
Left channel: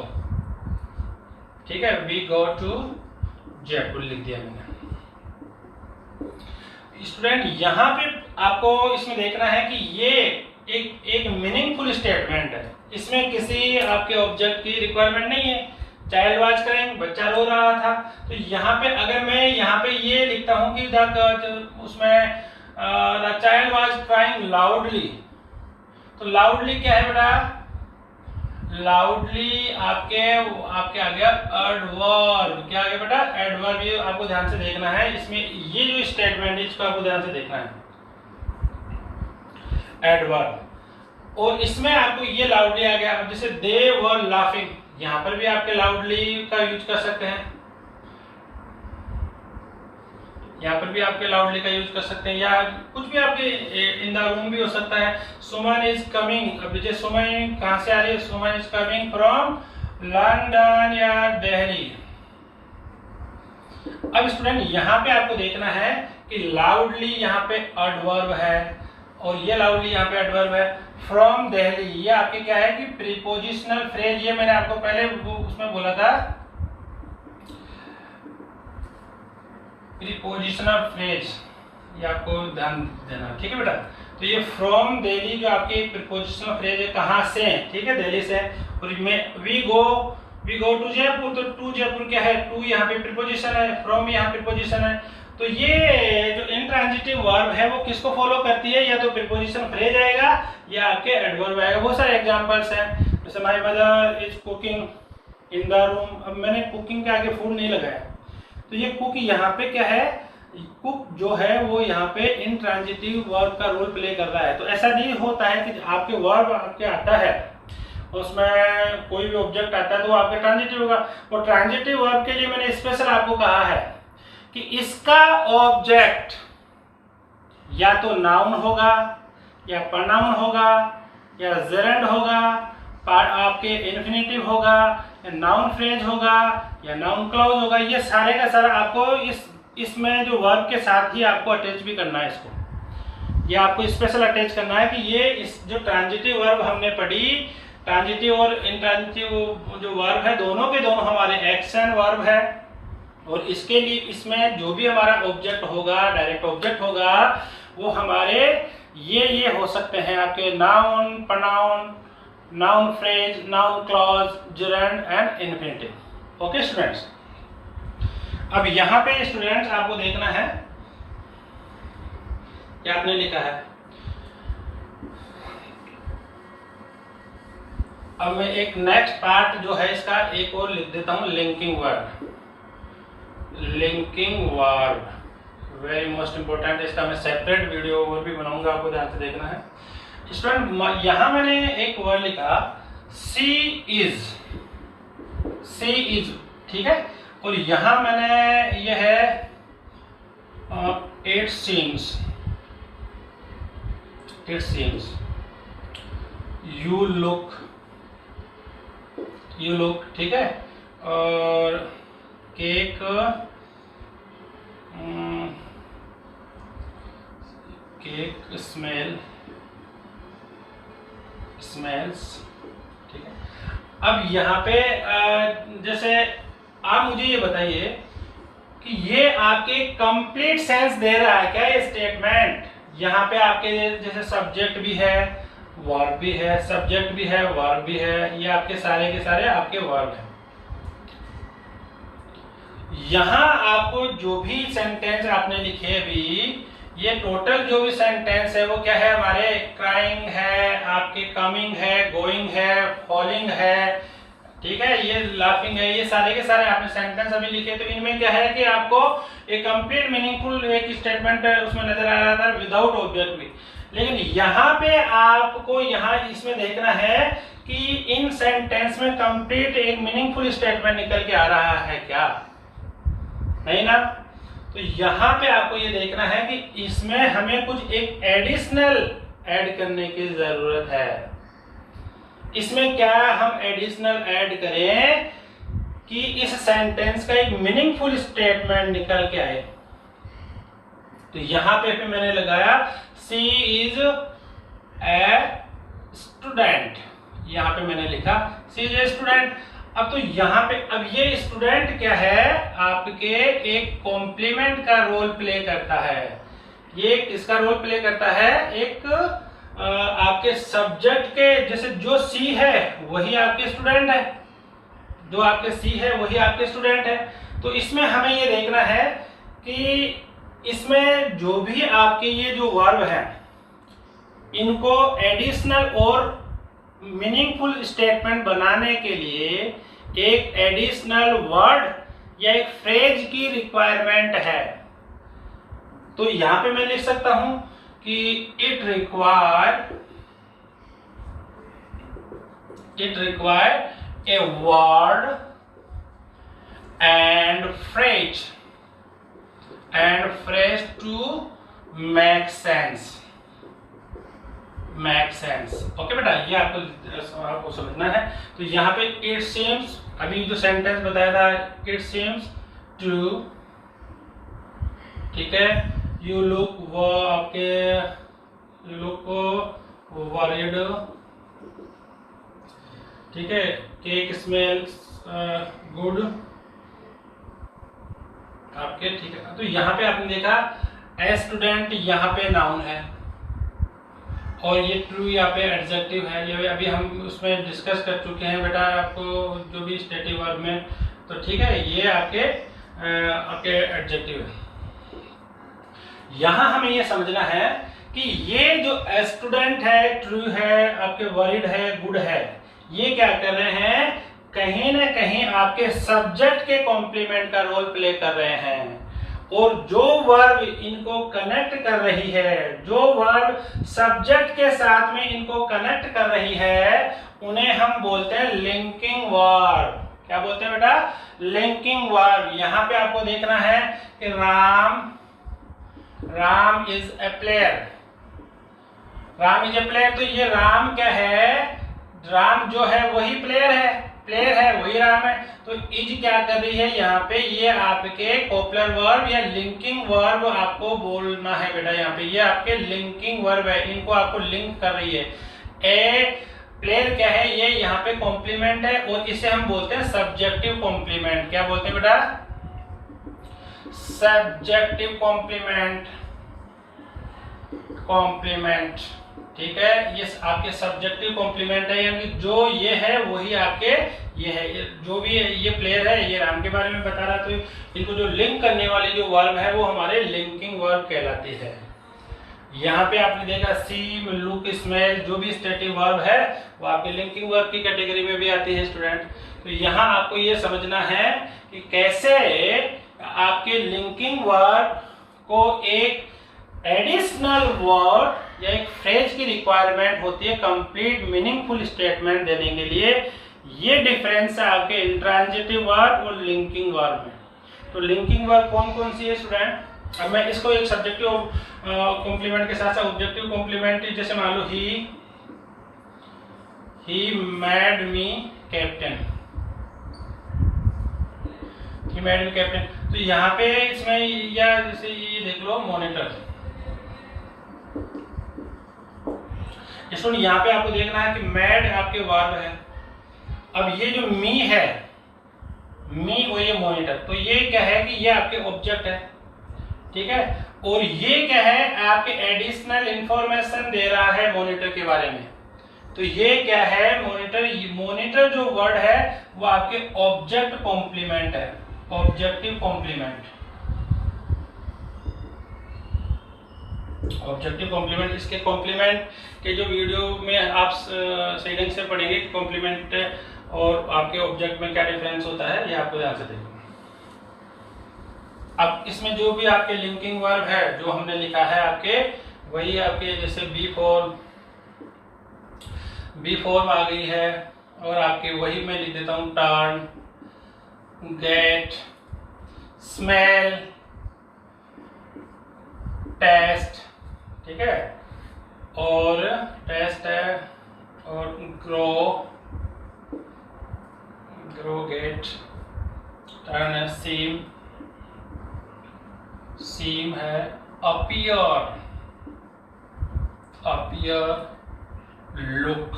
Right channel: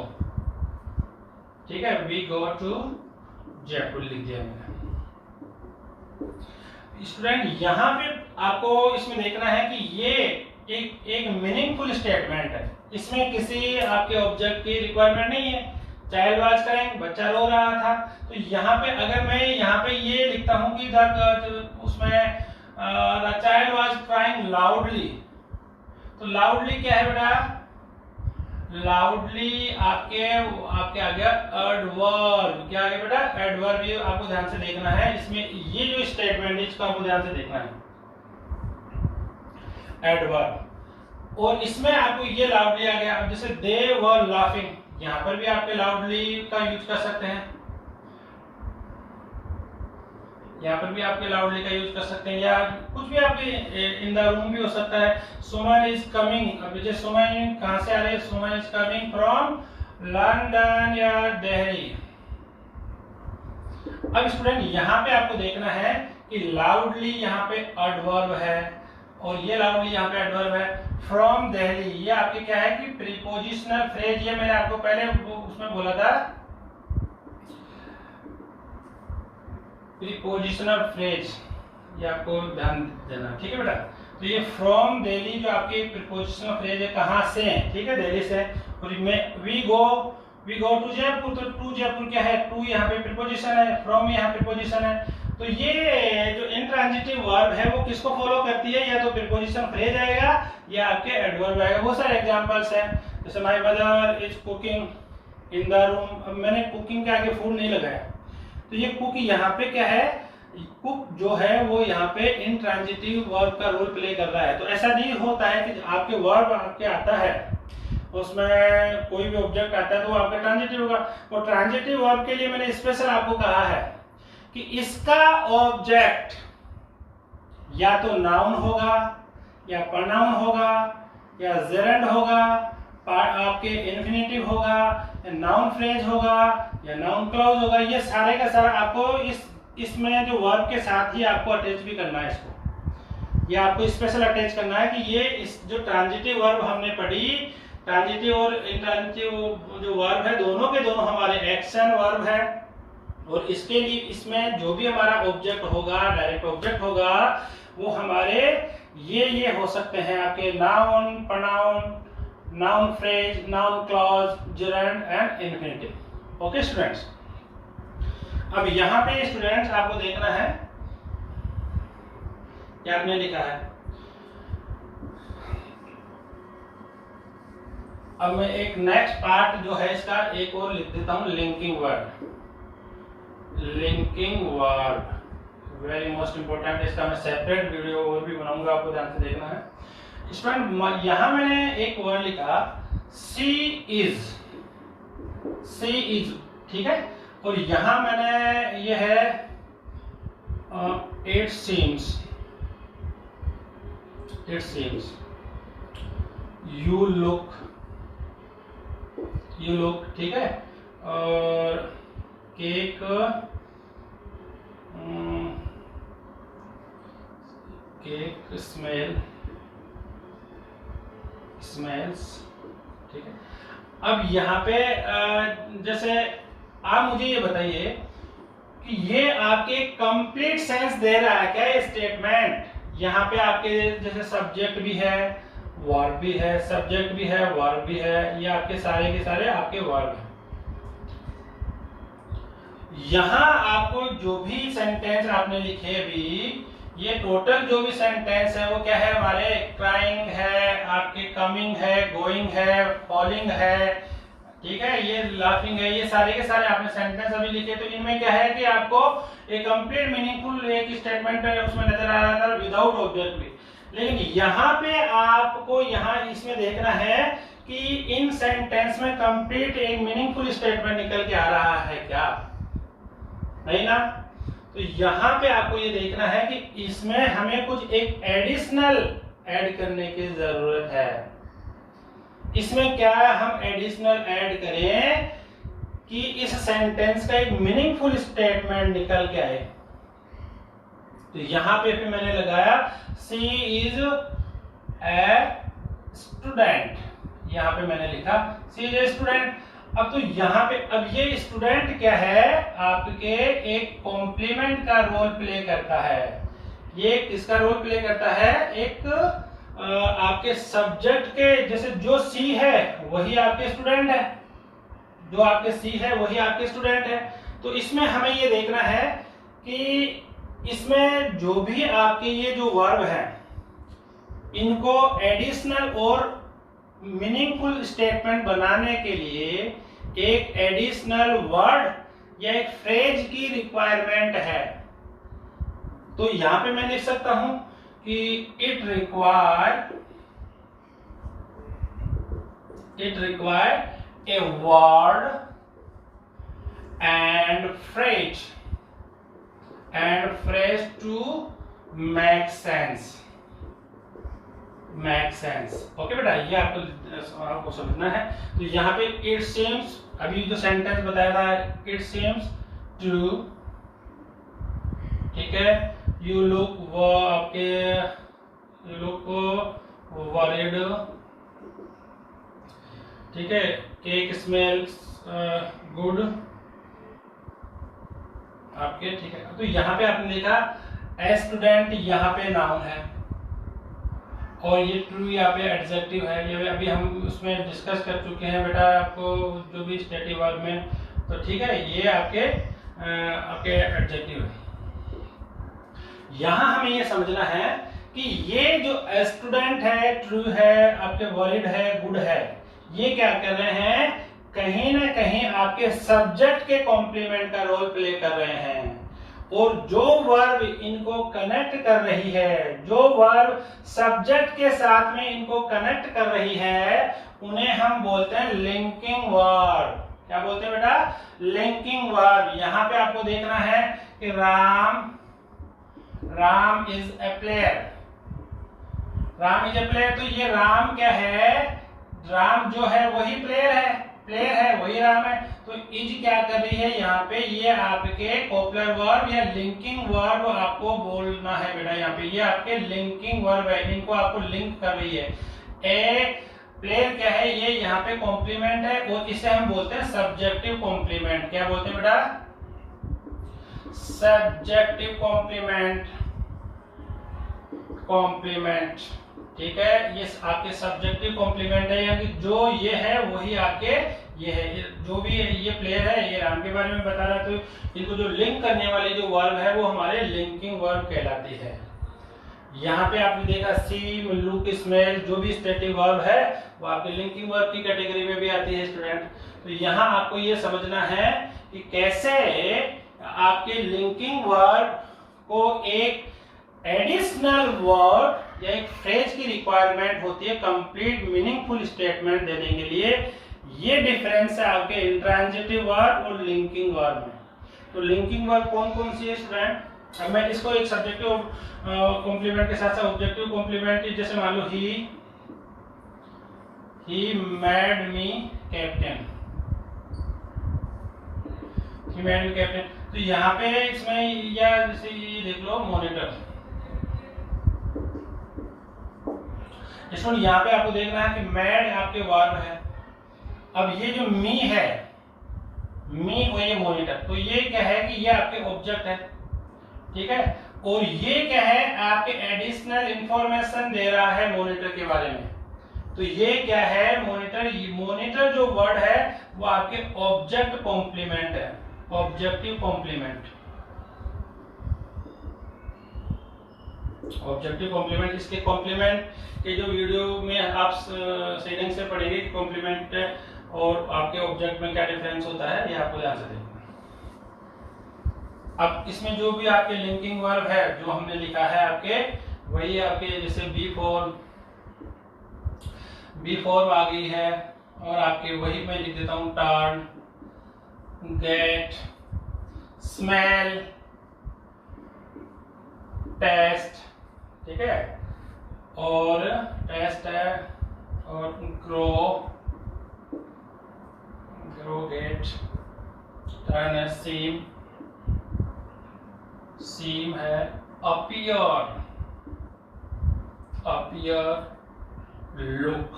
ठीक है, वी गो टू जयपुर लिख दिया मैंने। स्टूडेंट यहाँ पे आपको इसमें देखना है कि ये एक मीनिंगफुल स्टेटमेंट है, इसमें किसी आपके ऑब्जेक्ट की रिक्वायरमेंट नहीं है। चाइल्ड वाज क्राइंग, बच्चा रो रहा था। तो यहाँ पे अगर मैं यहाँ पे ये लिखता हूँ कि उसमें the child was crying loudly, तो लाउडली क्या है बेटा, लाउडली आपके आ गया एडवर्ब। क्या आ गया बेटा, एडवर्ब। ये आपको ध्यान से देखना है, इसमें ये जो स्टेटमेंट है इसको आपको ध्यान से देखना है, एडवर्ब। और इसमें आपको ये लाउडली आ गया। अब जैसे दे वर लाफिंग, यहाँ पर भी आपके लाउडली का यूज कर सकते हैं, यहाँ पर भी आपके लाउडली का यूज कर सकते हैं, या कुछ भी आपके इन द रूम भी हो सकता है। सुमन इज कमिंग, अब जैसे सुमन कहाँ से आ रही है, सुमन इज कमिंग फ्रॉम लंदन या दिल्ली। अब स्टूडेंट यहाँ पे आपको देखना है कि लाउडली यहाँ पे एडवर्ब है और ये लाउडली यहाँ पे एडवर्ब है। फ्रॉम दिल्ली ये आपके क्या है कि प्रीपोजिशनल फ्रेज, ये मैंने आपको पहले उसमें बोला था प्रीपोजिशनल फ्रेज, ये आपको ध्यान देना, ठीक है बेटा। तो ये फ्रॉम दिल्ली जो आपकी प्रीपोजिशनल फ्रेज है, कहाँ से, ठीक है, दिल्ली से। और वी गो टू जयपुर, तो टू जयपुर क्या है, टू यहाँ पे प्रीपोजिशन है, फ्रॉम यहाँ प्रीपोजिशन है। तो ये जो इंट्रांजिटिव वर्ब है वो किसको फॉलो करती है, या तो प्रीपोजिशन फ्रेज आएगा या आपके एडवर्ब आएगा। बहुत सारे एग्जांपल्स हैं, जैसे my mother is cooking in the room. अब मैंने कुकिंग के आगे फूड नहीं लगाया, तो ये कुक यहाँ पे क्या है, कुक जो है वो यहाँ पे इंट्रांजिटिव वर्ब का रोल प्ले कर रहा है। तो ऐसा नहीं होता है कि आपके वर्ब आपके आता है उसमें कोई भी ऑब्जेक्ट आता है तो वो आपका ट्रांजिटिव होगा। और ट्रांजिटिव वर्ब के लिए मैंने स्पेशल आपको कहा है कि इसका ऑब्जेक्ट या तो नाउन होगा या प्रोनाउन होगा या जेरेंड होगा, आपके इन्फिनेटिव होगा या नाउन फ्रेज होगा या नाउन क्लॉज होगा। ये सारे का सारा आपको इसमें जो वर्ब के साथ ही आपको अटैच भी करना है। इसको ये आपको स्पेशल अटैच करना है कि ये इस जो ट्रांजिटिव वर्ब हमने पढ़ी, ट्रांजिटिव और इंट्रांजिटिव जो वर्ब है दोनों के दोनों हमारे एक्शन वर्ब है। और इसके लिए इसमें जो भी हमारा ऑब्जेक्ट होगा, डायरेक्ट ऑब्जेक्ट होगा, वो हमारे ये हो सकते हैं आपके noun, pronoun, noun phrase, noun clause, gerund and infinitive. Okay students, अब यहाँ पे स्टूडेंट्स आपको देखना है क्या आपने लिखा है। अब मैं एक नेक्स्ट पार्ट जो है इसका एक और लिख देता हूं, linking verb. Linking verb very most important, इसका मैं सेपरेट वीडियो और भी बनाऊंगा, आपको ध्यान से देखना है। स्टूडेंट यहाँ मैंने एक वर्ड लिखा सी इज, ठीक है। और यहाँ मैंने ये है इट सीम्स, यू लुक, ठीक है। और केक, केक स्मेल्स, ठीक है। अब यहाँ पे जैसे आप मुझे ये बताइए कि ये आपके कंप्लीट सेंस दे रहा है क्या ये स्टेटमेंट। यहाँ पे आपके जैसे सब्जेक्ट भी है, वर्ब भी है, सब्जेक्ट भी है, वर्ब भी है, ये आपके सारे के सारे आपके वर्ब हैं। यहाँ आपको जो भी सेंटेंस आपने लिखे अभी, ये टोटल जो भी सेंटेंस है वो क्या है हमारे, क्राइंग है, आपके कमिंग है, गोइंग है, फॉलिंग है, ठीक है, ये लाफिंग है, ये सारे के सारे आपने सेंटेंस अभी लिखे। तो इनमें क्या है कि आपको एक कंप्लीट मीनिंगफुल एक स्टेटमेंट उसमें नजर आ रहा था विदाउट ऑब्जेक्ट भी। लेकिन यहाँ पे आपको यहाँ इसमें देखना है कि इन सेंटेंस में कंप्लीट एक मीनिंगफुल स्टेटमेंट निकल के आ रहा है क्या, नहीं ना। तो यहाँ पे आपको ये देखना है कि इसमें हमें कुछ एक एडिशनल ऐड करने की जरूरत है। इसमें क्या हम एडिशनल ऐड करें कि इस सेंटेंस का एक मीनिंगफुल स्टेटमेंट निकल के आए। तो यहाँ पे मैंने लगाया सी इज ए स्टूडेंट, यहाँ पे मैंने लिखा सी इज ए स्टूडेंट। अब तो यहाँ पे अब ये स्टूडेंट क्या है आपके एक कॉम्प्लीमेंट का रोल प्ले करता है। ये किसका रोल प्ले करता है, एक आपके सब्जेक्ट के, जैसे जो सी है वही आपके स्टूडेंट है, जो आपके सी है वही आपके स्टूडेंट है। तो इसमें हमें ये देखना है कि इसमें जो भी आपके ये जो वर्ब हैं इनको एडिशनल और मीनिंगफुल स्टेटमेंट बनाने के लिए एक एडिशनल वर्ड या एक फ्रेज की रिक्वायरमेंट है। तो यहां पे मैं लिख सकता हूं कि it require a word and phrase to make sense. Okay बेटा, ये आपको समझना है। तो यहाँ पे इट सीम्स, अभी जो सेंटेंस बताया था इट सीम्स टू, ठीक है, यू लुक वो आपके यू लुक वरीड, ठीक है, केक स्मेल्स गुड आपके, ठीक है। तो यहाँ पे आपने देखा ए स्टूडेंट यहाँ पे नाउन है और ये ट्रू यहाँ पे एडजेक्टिव है। ये अभी हम उसमें डिस्कस कर चुके हैं बेटा, आपको जो भी स्टेटिव वर्ब में, तो ठीक है, ये आपके एडजेक्टिव है। यहां हमें ये समझना है कि ये जो स्टूडेंट है, ट्रू है, आपके वरीड है, गुड है, ये क्या कर रहे हैं, कहीं ना कहीं आपके सब्जेक्ट के कॉम्प्लीमेंट का रोल प्ले कर रहे हैं। और जो वर्ब इनको कनेक्ट कर रही है, जो वर्ब सब्जेक्ट के साथ में इनको कनेक्ट कर रही है, उन्हें हम बोलते हैं लिंकिंग वर्ब। क्या बोलते हैं बेटा? Linking verb. यहां पे आपको देखना है कि Ram is a player. Ram is a player, तो ये राम क्या है? राम जो है वही प्लेयर है, वही राम है। तो इज क्या कर रही है यहाँ पे? ये आपके कॉपलर वर्ब या लिंकिंग वर्ब आपको बोलना है बेटा। यहाँ पे ये आपके लिंकिंग वर्ब है, इनको आपको लिंक कर रही है। ए प्लेयर क्या है? ये यहाँ पे कॉम्प्लीमेंट है और इसे हम बोलते हैं सब्जेक्टिव कॉम्प्लीमेंट। क्या बोलते हैं बेटा? Subjective complement. ठीक है, ये आपके सब्जेक्टिव कॉम्प्लीमेंट है, यानी जो ये है वही आपके ये है। जो भी ये प्लेयर है, ये राम के बारे में बता रहा, तो इनको जो लिंक करने वाली जो वर्ब है वो हमारे लिंकिंग वर्ब कहलाती है। यहाँ पे आपने देखा सी, लुक, स्मेल, जो भी स्टेटिव वर्ब है वो आपके लिंकिंग वर्ब की कैटेगरी में भी आती है स्टूडेंट। तो यहाँ आपको ये समझना है कि कैसे आपके लिंकिंग वर्ब को एक एडिशनल वर्ड या एक फ्रेज की रिक्वायरमेंट होती है कंप्लीट मीनिंगफुल स्टेटमेंट देने के लिए। ये डिफरेंस है आपके इंट्रांजिटिव वर्ब और लिंकिंग वर्ब में। तो लिंकिंग वर्ब कौन कौन सी है स्टूडेंट? अब मैं इसको एक सब्जेक्टिव कॉम्प्लीमेंट के साथ साथ ऑब्जेक्टिव कॉम्प्लीमेंट, जैसे मान लो he made me captain, he made me captain. तो यहाँ पे इसमें या जैसे ये देख लो मॉनिटर। यहाँ पे आपको देखना है कि मैड आपके वर्ब है। अब ये जो मी है, मी वो ये मॉनिटर, तो ये क्या है कि ये आपके ऑब्जेक्ट है। ठीक है, और ये क्या है? आपके एडिशनल इंफॉर्मेशन दे रहा है मॉनिटर के बारे में। तो ये क्या है? मॉनिटर जो वर्ड है वो आपके ऑब्जेक्ट कॉम्प्लीमेंट है, ऑब्जेक्टिव कॉम्प्लीमेंट। ऑब्जेक्टिव कॉम्प्लीमेंट, इसके कॉम्प्लीमेंट के जो वीडियो में आप सही ढंग से पढ़ेंगे कि कॉम्प्लीमेंट और आपके ऑब्जेक्ट में क्या डिफरेंस होता है, ये आपको ध्यान से देखना। अब इसमें जो भी आपके लिंकिंग वर्ब है जो हमने लिखा है आपके, वही आपके जैसे बी फॉर्म आ गई है, और आपके वही मैं लिख देता हूँ टर्न, गेट, स्मेल, टेस्ट। ठीक है, और टेस्ट है, और ग्रो, गेट, टर्न है, सीम है, अपीयर, लुक।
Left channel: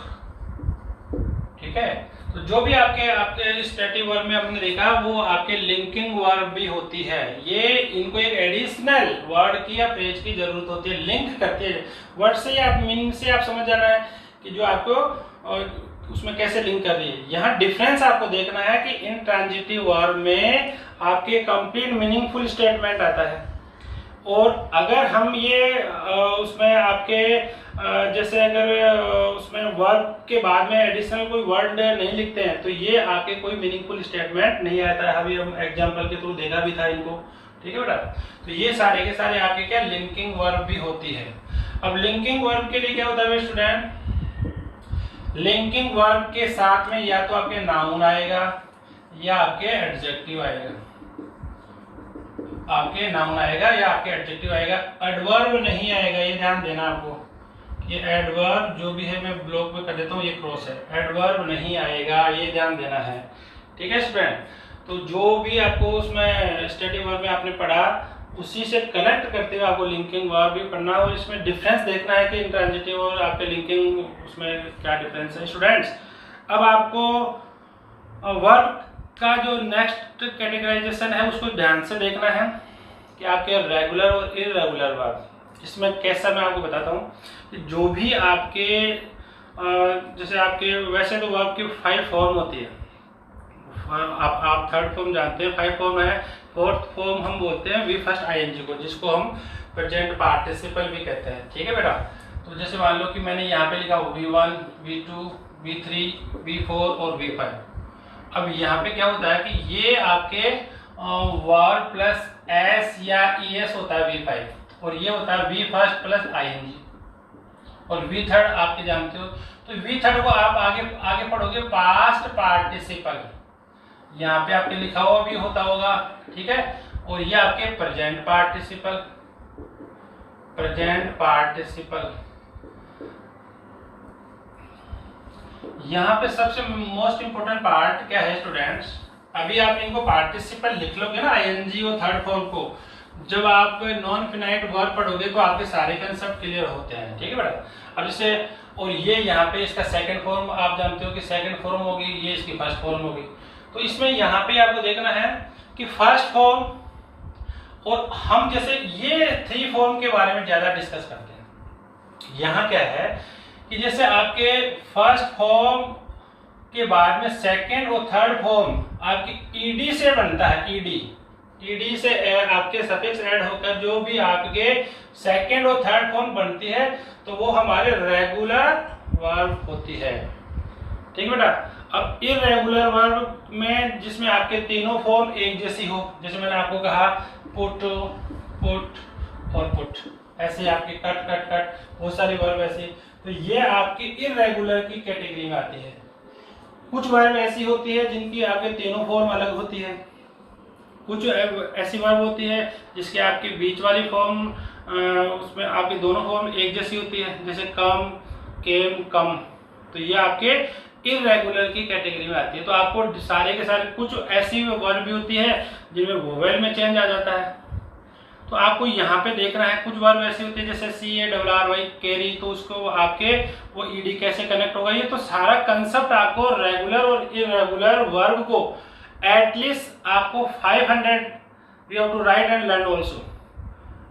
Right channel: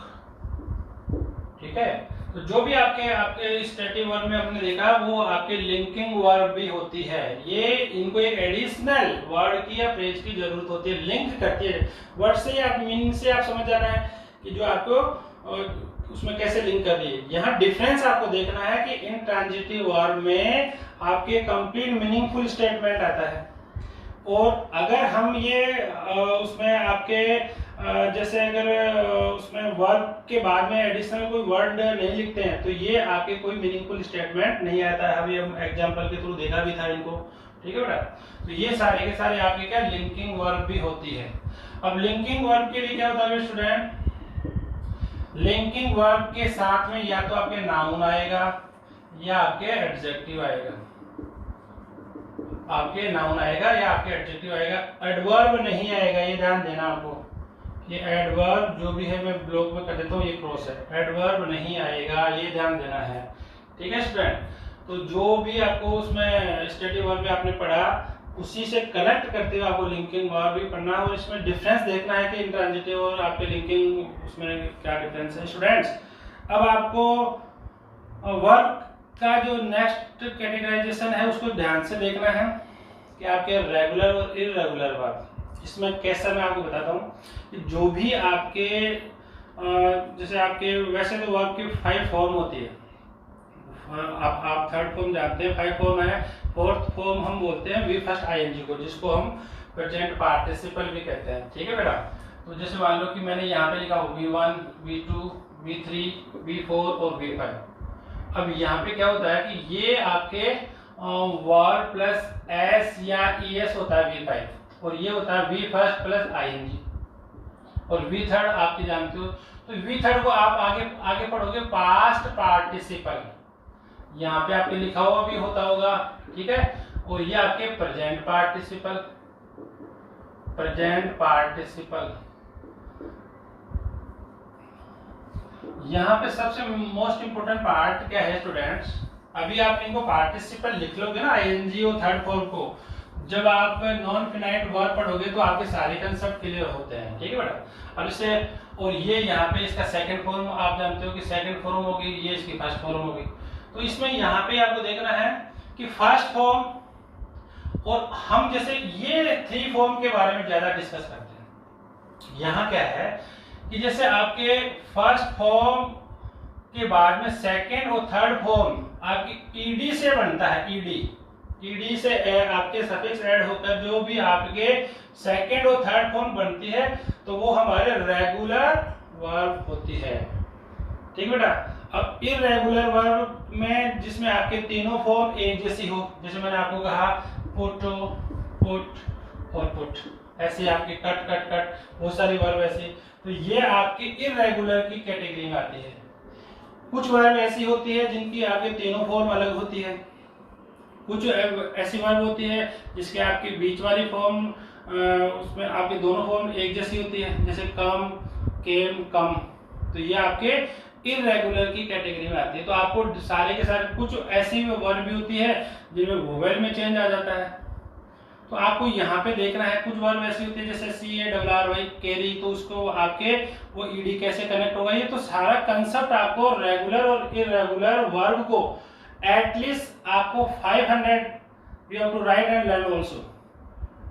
ठीक है, तो जो भी आपके स्टेटिव वर्ब में हमने देखा वो आपके लिंकिंग वर्ब भी होती है। ये इनको एक एडिशनल वर्ड की या फ्रेज की जरूरत होती है, लिंक करते हैं वर्ड से या मीनिंग से। आप समझ जाना है कि जो आपको उसमें कैसे लिंक कर रही है। यहाँ डिफरेंस आपको देखना है कि इंट्रांजिटिव वर्ब में आपके कंप्लीट मीनिंगफुल स्टेटमेंट आता है, और अगर हम ये उसमें आपके जैसे अगर उसमें वर्ब के बाद में एडिशनल कोई वर्ड नहीं लिखते हैं तो ये आपके कोई मीनिंगफुल स्टेटमेंट नहीं आता है। अभी हम एग्जांपल के थ्रू देखा भी था इनको। ठीक है बेटा, तो ये सारे के सारे आपके क्या लिंकिंग वर्ब भी होती है। अब लिंकिंग वर्ब के लिए क्या होता है स्टूडेंट? लिंकिंग वर्ब के साथ में या तो आपके नाउन आएगा या आपके एडजेक्टिव आएगा, आपके नाउन आएगा या आपके एडजेक्टिव आएगा। एडवर्ब नहीं आएगा, ये ध्यान देना आपको। ये एडवर्ब जो भी है मैं ब्लॉक में कर देता हूँ, ये क्रॉस है, एडवर्ब नहीं आएगा, ये ध्यान देना है। ठीक है स्टूडेंट, तो जो भी आपको उसमें स्टेटिव वर्ब में आपने पढ़ा उसी से कनेक्ट करते हुए आपको लिंकिंग वर्ब भी पढ़ना है, और इसमें डिफरेंस देखना है कि इंट्रांजिटिव और आपके लिंकिंग उसमें क्या डिफरेंस है स्टूडेंट्स। अब आपको वर्ब का जो नेक्स्ट कैटेगराइजेशन है उसको ध्यान से देखना है कि आपके रेगुलर और इररेगुलर वर्ब। इसमें कैसा मैं आपको बताता हूँ कि जो भी आपके जैसे आपके वैसे तो वर्ब की 5 फॉर्म होती है। आप थर्ड फॉर्म जानते हैं, 5 फॉर्म है। फोर्थ फॉर्म हम बोलते हैं वी फर्स्ट आईएनजी को, जिसको हम प्रेजेंट पार्टिसिपल भी कहते हैं। ठीक है बेटा। तो जैसे मान लो कि मैंने यहाँ पे लिखा V1, V2, V3, V4 और V5। अब यहाँ पे क्या होता है कि ये आपके वर्ब प्लस एस या ES होता है V5, और ये होता है V फर्स्ट प्लस ING, और V थर्ड आपके जानते हो। तो V थर्ड को आप आगे पढ़ोगे पास्ट पार्टिसिपल, यहाँ पे आपके लिखा हुआ भी होता होगा। ठीक है। और ये आपके प्रेजेंट पार्टिसिपल, प्रेजेंट पार्टिसिपल। यहाँ पे सबसे मोस्ट इंपोर्टेंट पार्ट क्या है स्टूडेंट्स, अभी आप इनको पार्टिसिपल लिख लोगे ना ING और थर्ड फॉर्म को, जब आप नॉन फिनाइट वर्ब पढ़ोगे तो आपके सारे कंसेप्ट क्लियर होते हैं। ठीक है बेटा। अब इसे, और ये यहाँ पे इसका सेकंड फॉर्म आप जानते हो कि सेकंड फॉर्म होगी, ये इसकी फर्स्ट फॉर्म होगी। तो इसमें यहाँ पे आपको देखना है कि फर्स्ट फॉर्म, और हम जैसे ये थ्री फॉर्म के बारे में ज्यादा डिस्कस करते हैं। यहाँ क्या है कि जैसे आपके फर्स्ट फॉर्म के बाद में सेकंड और थर्ड फॉर्म आपकी ईडी से बनता है। ईडी से आपके सफिक्स ऐड होकर जो भी आपके सेकंड और थर्ड फॉर्म बनती है तो वो हमारे रेगुलर वर्ब होती है। ठीक बेटा। अब इर्रेगुलर वर्ब में जिसमें आपके तीनों फॉर्म एक जैसी हो, जैसे मैंने आपको कहा पुट, पुट और पुट, ऐसे आपके कट कट कट बहुत सारी वर्ब ऐसी, तो ये आपकी इर्रेगुलर की कैटेगरी में आती है। कुछ वर्ब ऐसी होती है जिनकी आपके तीनों फॉर्म अलग होती है, कुछ ऐसी वर्ब होती है जिसके आपकी बीच वाली फॉर्म उसमें आपकी दोनों फॉर्म एक जैसी होती है, जैसे कम, केम, कम। तो ये आपके इर्रेगुलर की कैटेगरी में आती है। तो आपको सारे के सारे कुछ ऐसी वर्ब भी होती है जिनमें वोवेल में चेंज आ जाता है। तो आपको यहाँ पे देखना है कुछ वर्ब ऐसी होती है जैसे CARRY कैरी, तो उसको आपके वो ईडी कैसे कनेक्ट होगा। ये तो सारा कंसेप्ट आपको रेगुलर और इर्रेगुलर वर्ब को एटलीस्ट आपको 500 we have to write and learn also.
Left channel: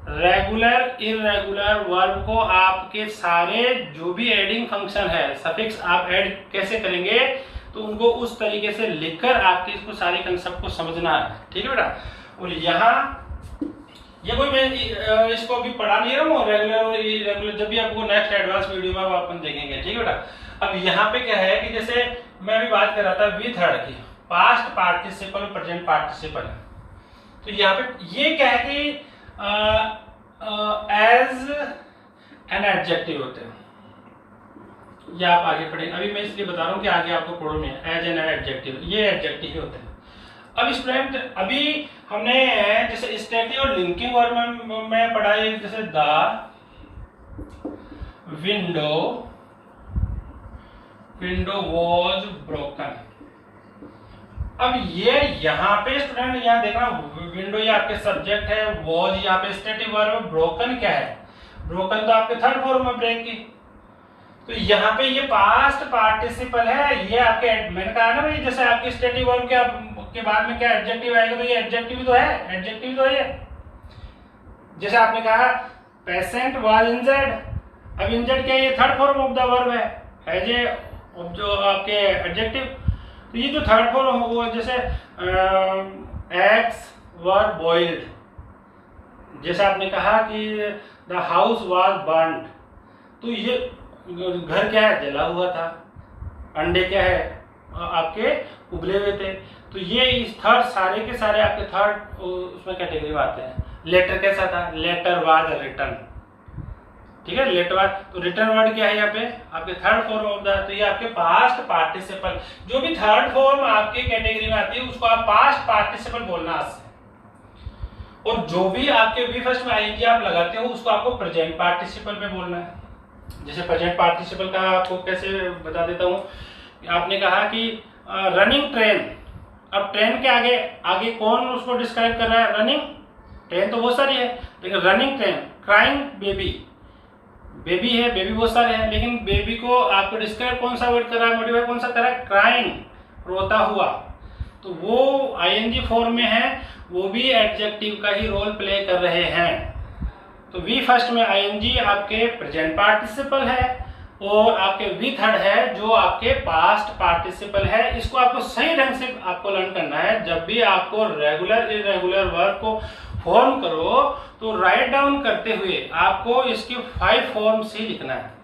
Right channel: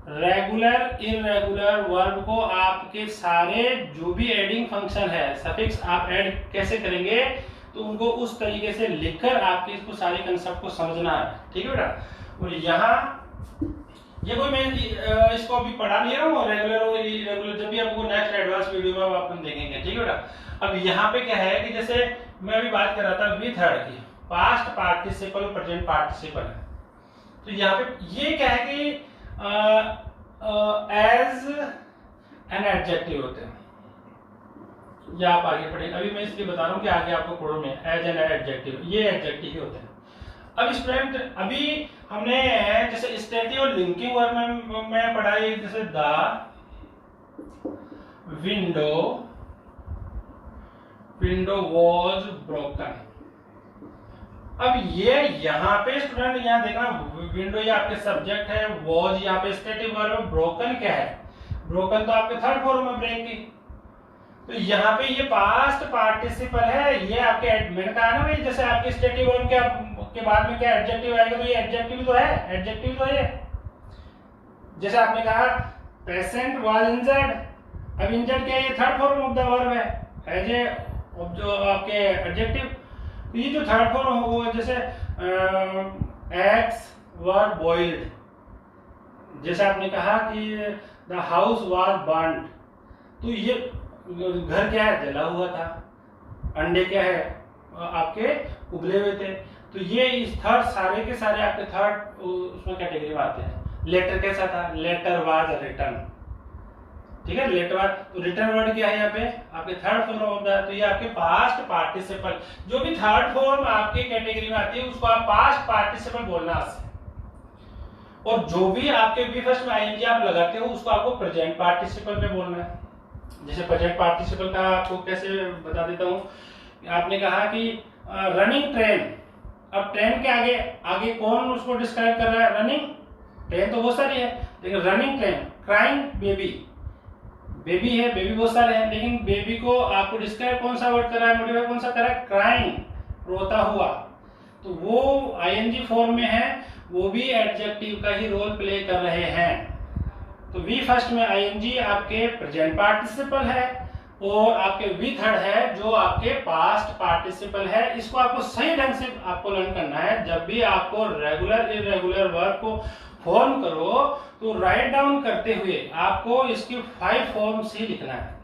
Regular irregular verb को आपके सारे जो भी एडिंग फंक्शन है, सफिक्स आप ऐड कैसे करेंगे, तो उनको उस तरीके से लिखकर आपके इसको सारी कंसेप्ट को समझना है। ठीक है बेटा। और यहाँ ये कोई मैं इसको अभी पढ़ा नहीं रहा हूँ, रेगुलर और इरेगुलर जब भी आपको नेक्स्ट एडवांस वीडियो में अपन देखेंगे। ठीक है बेटा। अब यहाँ पे क्या है कि जैसे मैं अभी बात कर रहा था वी थर्ड की, पास्ट पार्टिसिपल प्रेजेंट पार्टिसिपल। तो यहाँ पे ये क्या है कि एज एन एडजेक्टिव होते हैं, या आप आगे पढ़ेंगे, अभी मैं इसलिए बता रहा हूँ कि आगे आपको पढ़ो नहीं, एज एन एडजेक्टिव, ये एडजेक्टिव ही होते हैं। अब स्टूडेंट अभी हमने जैसे स्टेटिव और लिंकिंग वर्ब में पढ़ा है, जैसे द विंडो वॉज ब्रोकन। अब ये यहाँ पे स्टूडेंट यहाँ देखना, विंडो ये आपके सब्जेक्ट है, वॉज यहाँ पे स्टेटिव वर्ब, ब्रोकन क्या है, ब्रोकन तो आपके थर्ड फॉर्म में ब्रेक की। तो यहाँ पे ये पास्ट पार्टिसिपल है, ये आपके मैंने कहा ना भाई, जैसे आपके स्टेटिव वर्ब के बाद में क्या एडजेक्टिव आएगा, तो ये एडजेक्टिव तो है, एडजेक्टिव तो है। जैसे आपने कहा पेशेंट वाज इंजर्ड, अब इंजर्ड क्या है, ये third form of the verb है, एज ए जो आपके एडजेक्टिव। तो ये जो थर्ड फॉर्म हो, जैसे एग्स वर बॉइल्ड, जैसे आपने कहा कि द हाउस वाज बर्न्ड, तो ये घर क्या है, जला हुआ था। अंडे क्या है, आपके उबले हुए थे। तो ये इस थर्ड सारे के सारे आपके थर्ड उसमें कैटेगरी में आते हैं। लेटर कैसा था, लेटर वाज रिटर्न। ठीक है, लेटर वाज, तो रिटर्न वर्ड क्या है यहाँ पे आपके थर्ड फॉर्म ऑफ द, तो ये आपके पास्ट पार्टिसिपल, जो भी थर्ड फॉर्म आपके कैटेगरी में आती है उसको आप पास्ट पार्टिसिपल बोलना है। और जो भी आपके बी फर्स्ट में आईएनजी आप लगाते हो उसको आपको प्रेजेंट पार्टिसिपल में बोलना है। जैसे प्रेजेंट पार्टिसिपल का आपको कैसे बता देता हूँ, आपने कहा कि रनिंग ट्रेन, अब ट्रेन के आगे आगे कौन उसको डिस्क्राइब कर रहा है, रनिंग ट्रेन तो बहुत सारी है, लेकिन running train, crying baby, baby है, बेबी बहुत सारे हैं, लेकिन बेबी को आपको डिस्क्राइब कौन सा वर्ड कर रहा है, मॉडिफाई कौन सा कर रहा है, क्राइंग, रोता हुआ। तो वो आईएनजी फॉर्म में है, वो भी एडजेक्टिव का ही रोल प्ले कर रहे हैं। तो वी फर्स्ट में आईएनजी आपके प्रेजेंट पार्टिसिपल है और आपके वी थर्ड है जो आपके पास्ट पार्टिसिपल है। इसको आपको सही ढंग से आपको लर्न करना है। जब भी आपको रेगुलर इरेगुलर वर्ब को फॉर्म करो तो राइट डाउन करते हुए आपको इसकी 5 फॉर्म्स ही लिखना है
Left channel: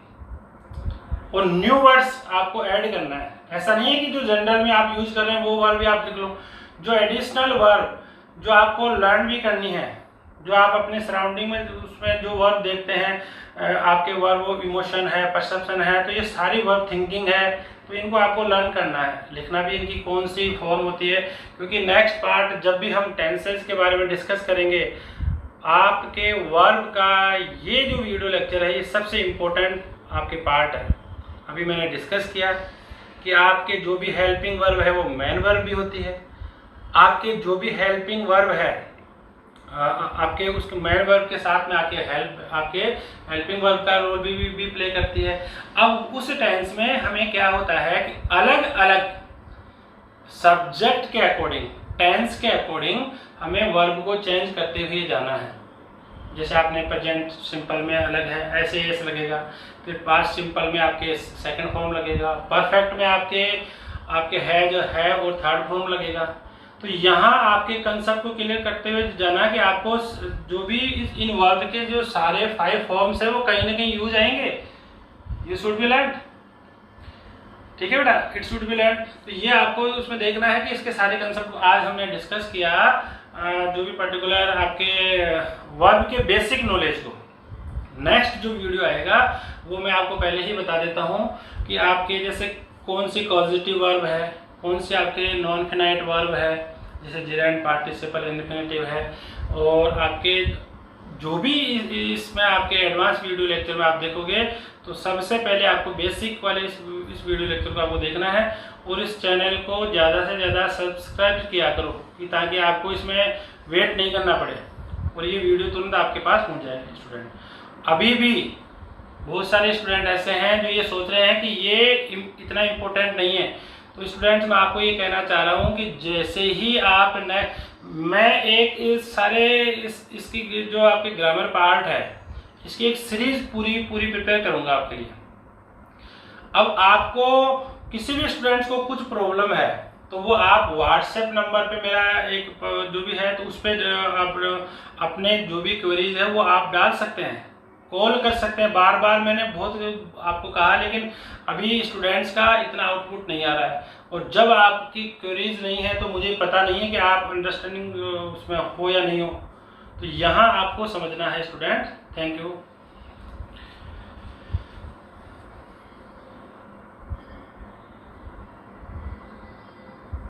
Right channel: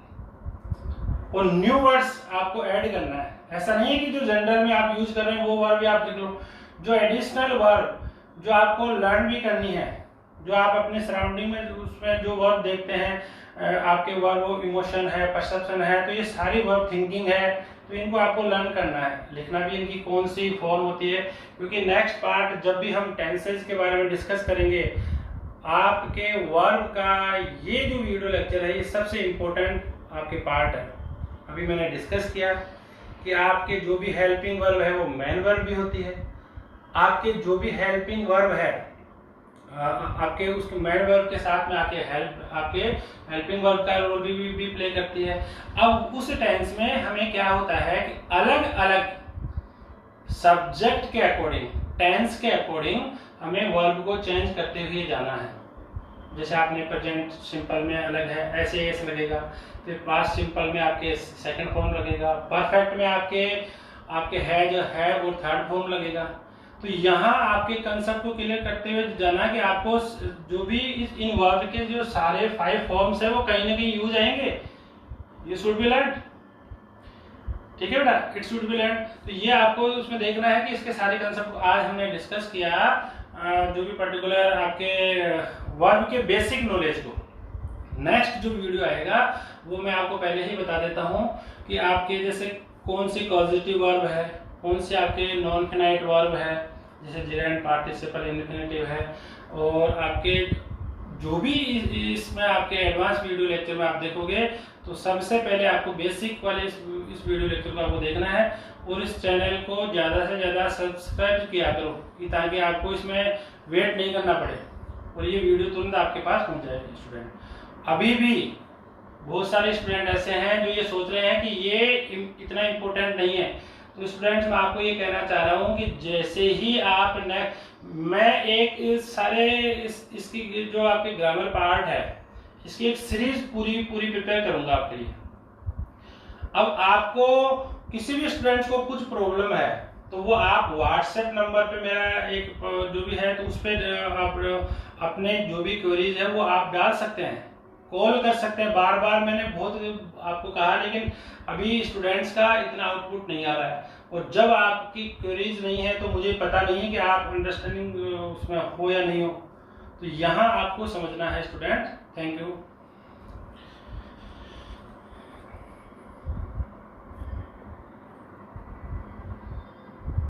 और न्यू वर्ड्स आपको ऐड करना है। ऐसा नहीं है कि जो जनरल में आप यूज कर रहे हैं वो वर्ड भी आप लिख लो, जो एडिशनल वर्ब जो आपको लर्न भी करनी है, जो आप अपने सराउंडिंग में उसमें जो वर्ब देखते हैं आपके वर्ब वो इमोशन है, परसेप्शन है, तो ये सारी वर्ब थिंकिंग है, तो इनको आपको लर्न करना है, लिखना भी इनकी कौन सी फॉर्म होती है। क्योंकि नेक्स्ट पार्ट जब भी हम टेंसेस के बारे में डिस्कस करेंगे, आपके वर्ब का ये जो वीडियो लेक्चर है ये सबसे इम्पोर्टेंट आपके पार्ट है। अभी मैंने डिस्कस किया कि आपके जो भी हेल्पिंग वर्ब है वो मेन वर्ब भी होती है, आपके जो भी हेल्पिंग वर्ब है आपके उसके मेन वर्ब के साथ में आपके हेल्पिंग वर्ब का रोल भी प्ले करती है। अब उस टेंस में हमें क्या होता है कि अलग अलग सब्जेक्ट के अकॉर्डिंग, टेंस के अकॉर्डिंग हमें वर्ब को चेंज करते हुए जाना है। जैसे आपने प्रेजेंट सिंपल में अलग है, ऐसे एस लगेगा, फिर पास्ट सिंपल में आपके सेकंड फॉर्म लगेगा, परफेक्ट में आपके है और थर्ड फॉर्म लगेगा। तो यहाँ आपके कंसेप्ट को क्लियर करते हुए जाना कि आपको जो भी इन वर्ब के जो सारे 5 फॉर्म्स है वो कहीं ना कहीं यूज आएंगे। ये शुड बी लर्न, ठीक है बेटा, इट शुड बी लर्न। तो ये आपको उसमें देखना है कि इसके सारे कंसेप्ट आज हमने डिस्कस किया, जो भी पर्टिकुलर आपके वर्ब के बेसिक नॉलेज को। नेक्स्ट जो वीडियो आएगा वो मैं आपको पहले ही बता देता हूँ कि आपके जैसे कौन सी पॉजिटिव वर्ब है, कौन से आपके नॉन फिनाइट वर्ब है, जैसे जेरेंड पार्टिसिपल इन्फिनेटिव है, और आपके जो भी इसमें आपके एडवांस वीडियो लेक्चर में आप देखोगे तो सबसे पहले आपको बेसिक वाले इस वीडियो लेक्चर को आपको देखना है और इस चैनल को ज़्यादा से ज़्यादा सब्सक्राइब किया करो कि ताकि आपको इसमें वेट नहीं करना पड़े और ये वीडियो तुरंत आपके पास पहुंच जाए। स्टूडेंट अभी भी बहुत सारे स्टूडेंट ऐसे हैं जो ये सोच रहे हैं कि ये इतना इम्पोर्टेंट नहीं है। तो स्टूडेंट्स मैं आपको ये कहना चाह रहा हूँ कि जैसे ही आप मैं एक इसकी जो आपके ग्रामर पार्ट है इसकी एक सीरीज पूरी प्रिपेयर करूँगा आपके लिए। अब आपको किसी भी स्टूडेंट्स को कुछ प्रॉब्लम है तो वो आप व्हाट्सएप नंबर पे मेरा एक जो भी है तो उस पर आप अपने जो भी क्वेरीज है वो आप डाल सकते हैं, कॉल कर सकते हैं। बार बार मैंने बहुत आपको कहा लेकिन अभी स्टूडेंट्स का इतना आउटपुट नहीं आ रहा है और जब आपकी क्वेरीज नहीं है तो मुझे पता नहीं है कि आप अंडरस्टैंडिंग उसमें हो या नहीं हो। तो यहाँ आपको समझना है स्टूडेंट। Thank you.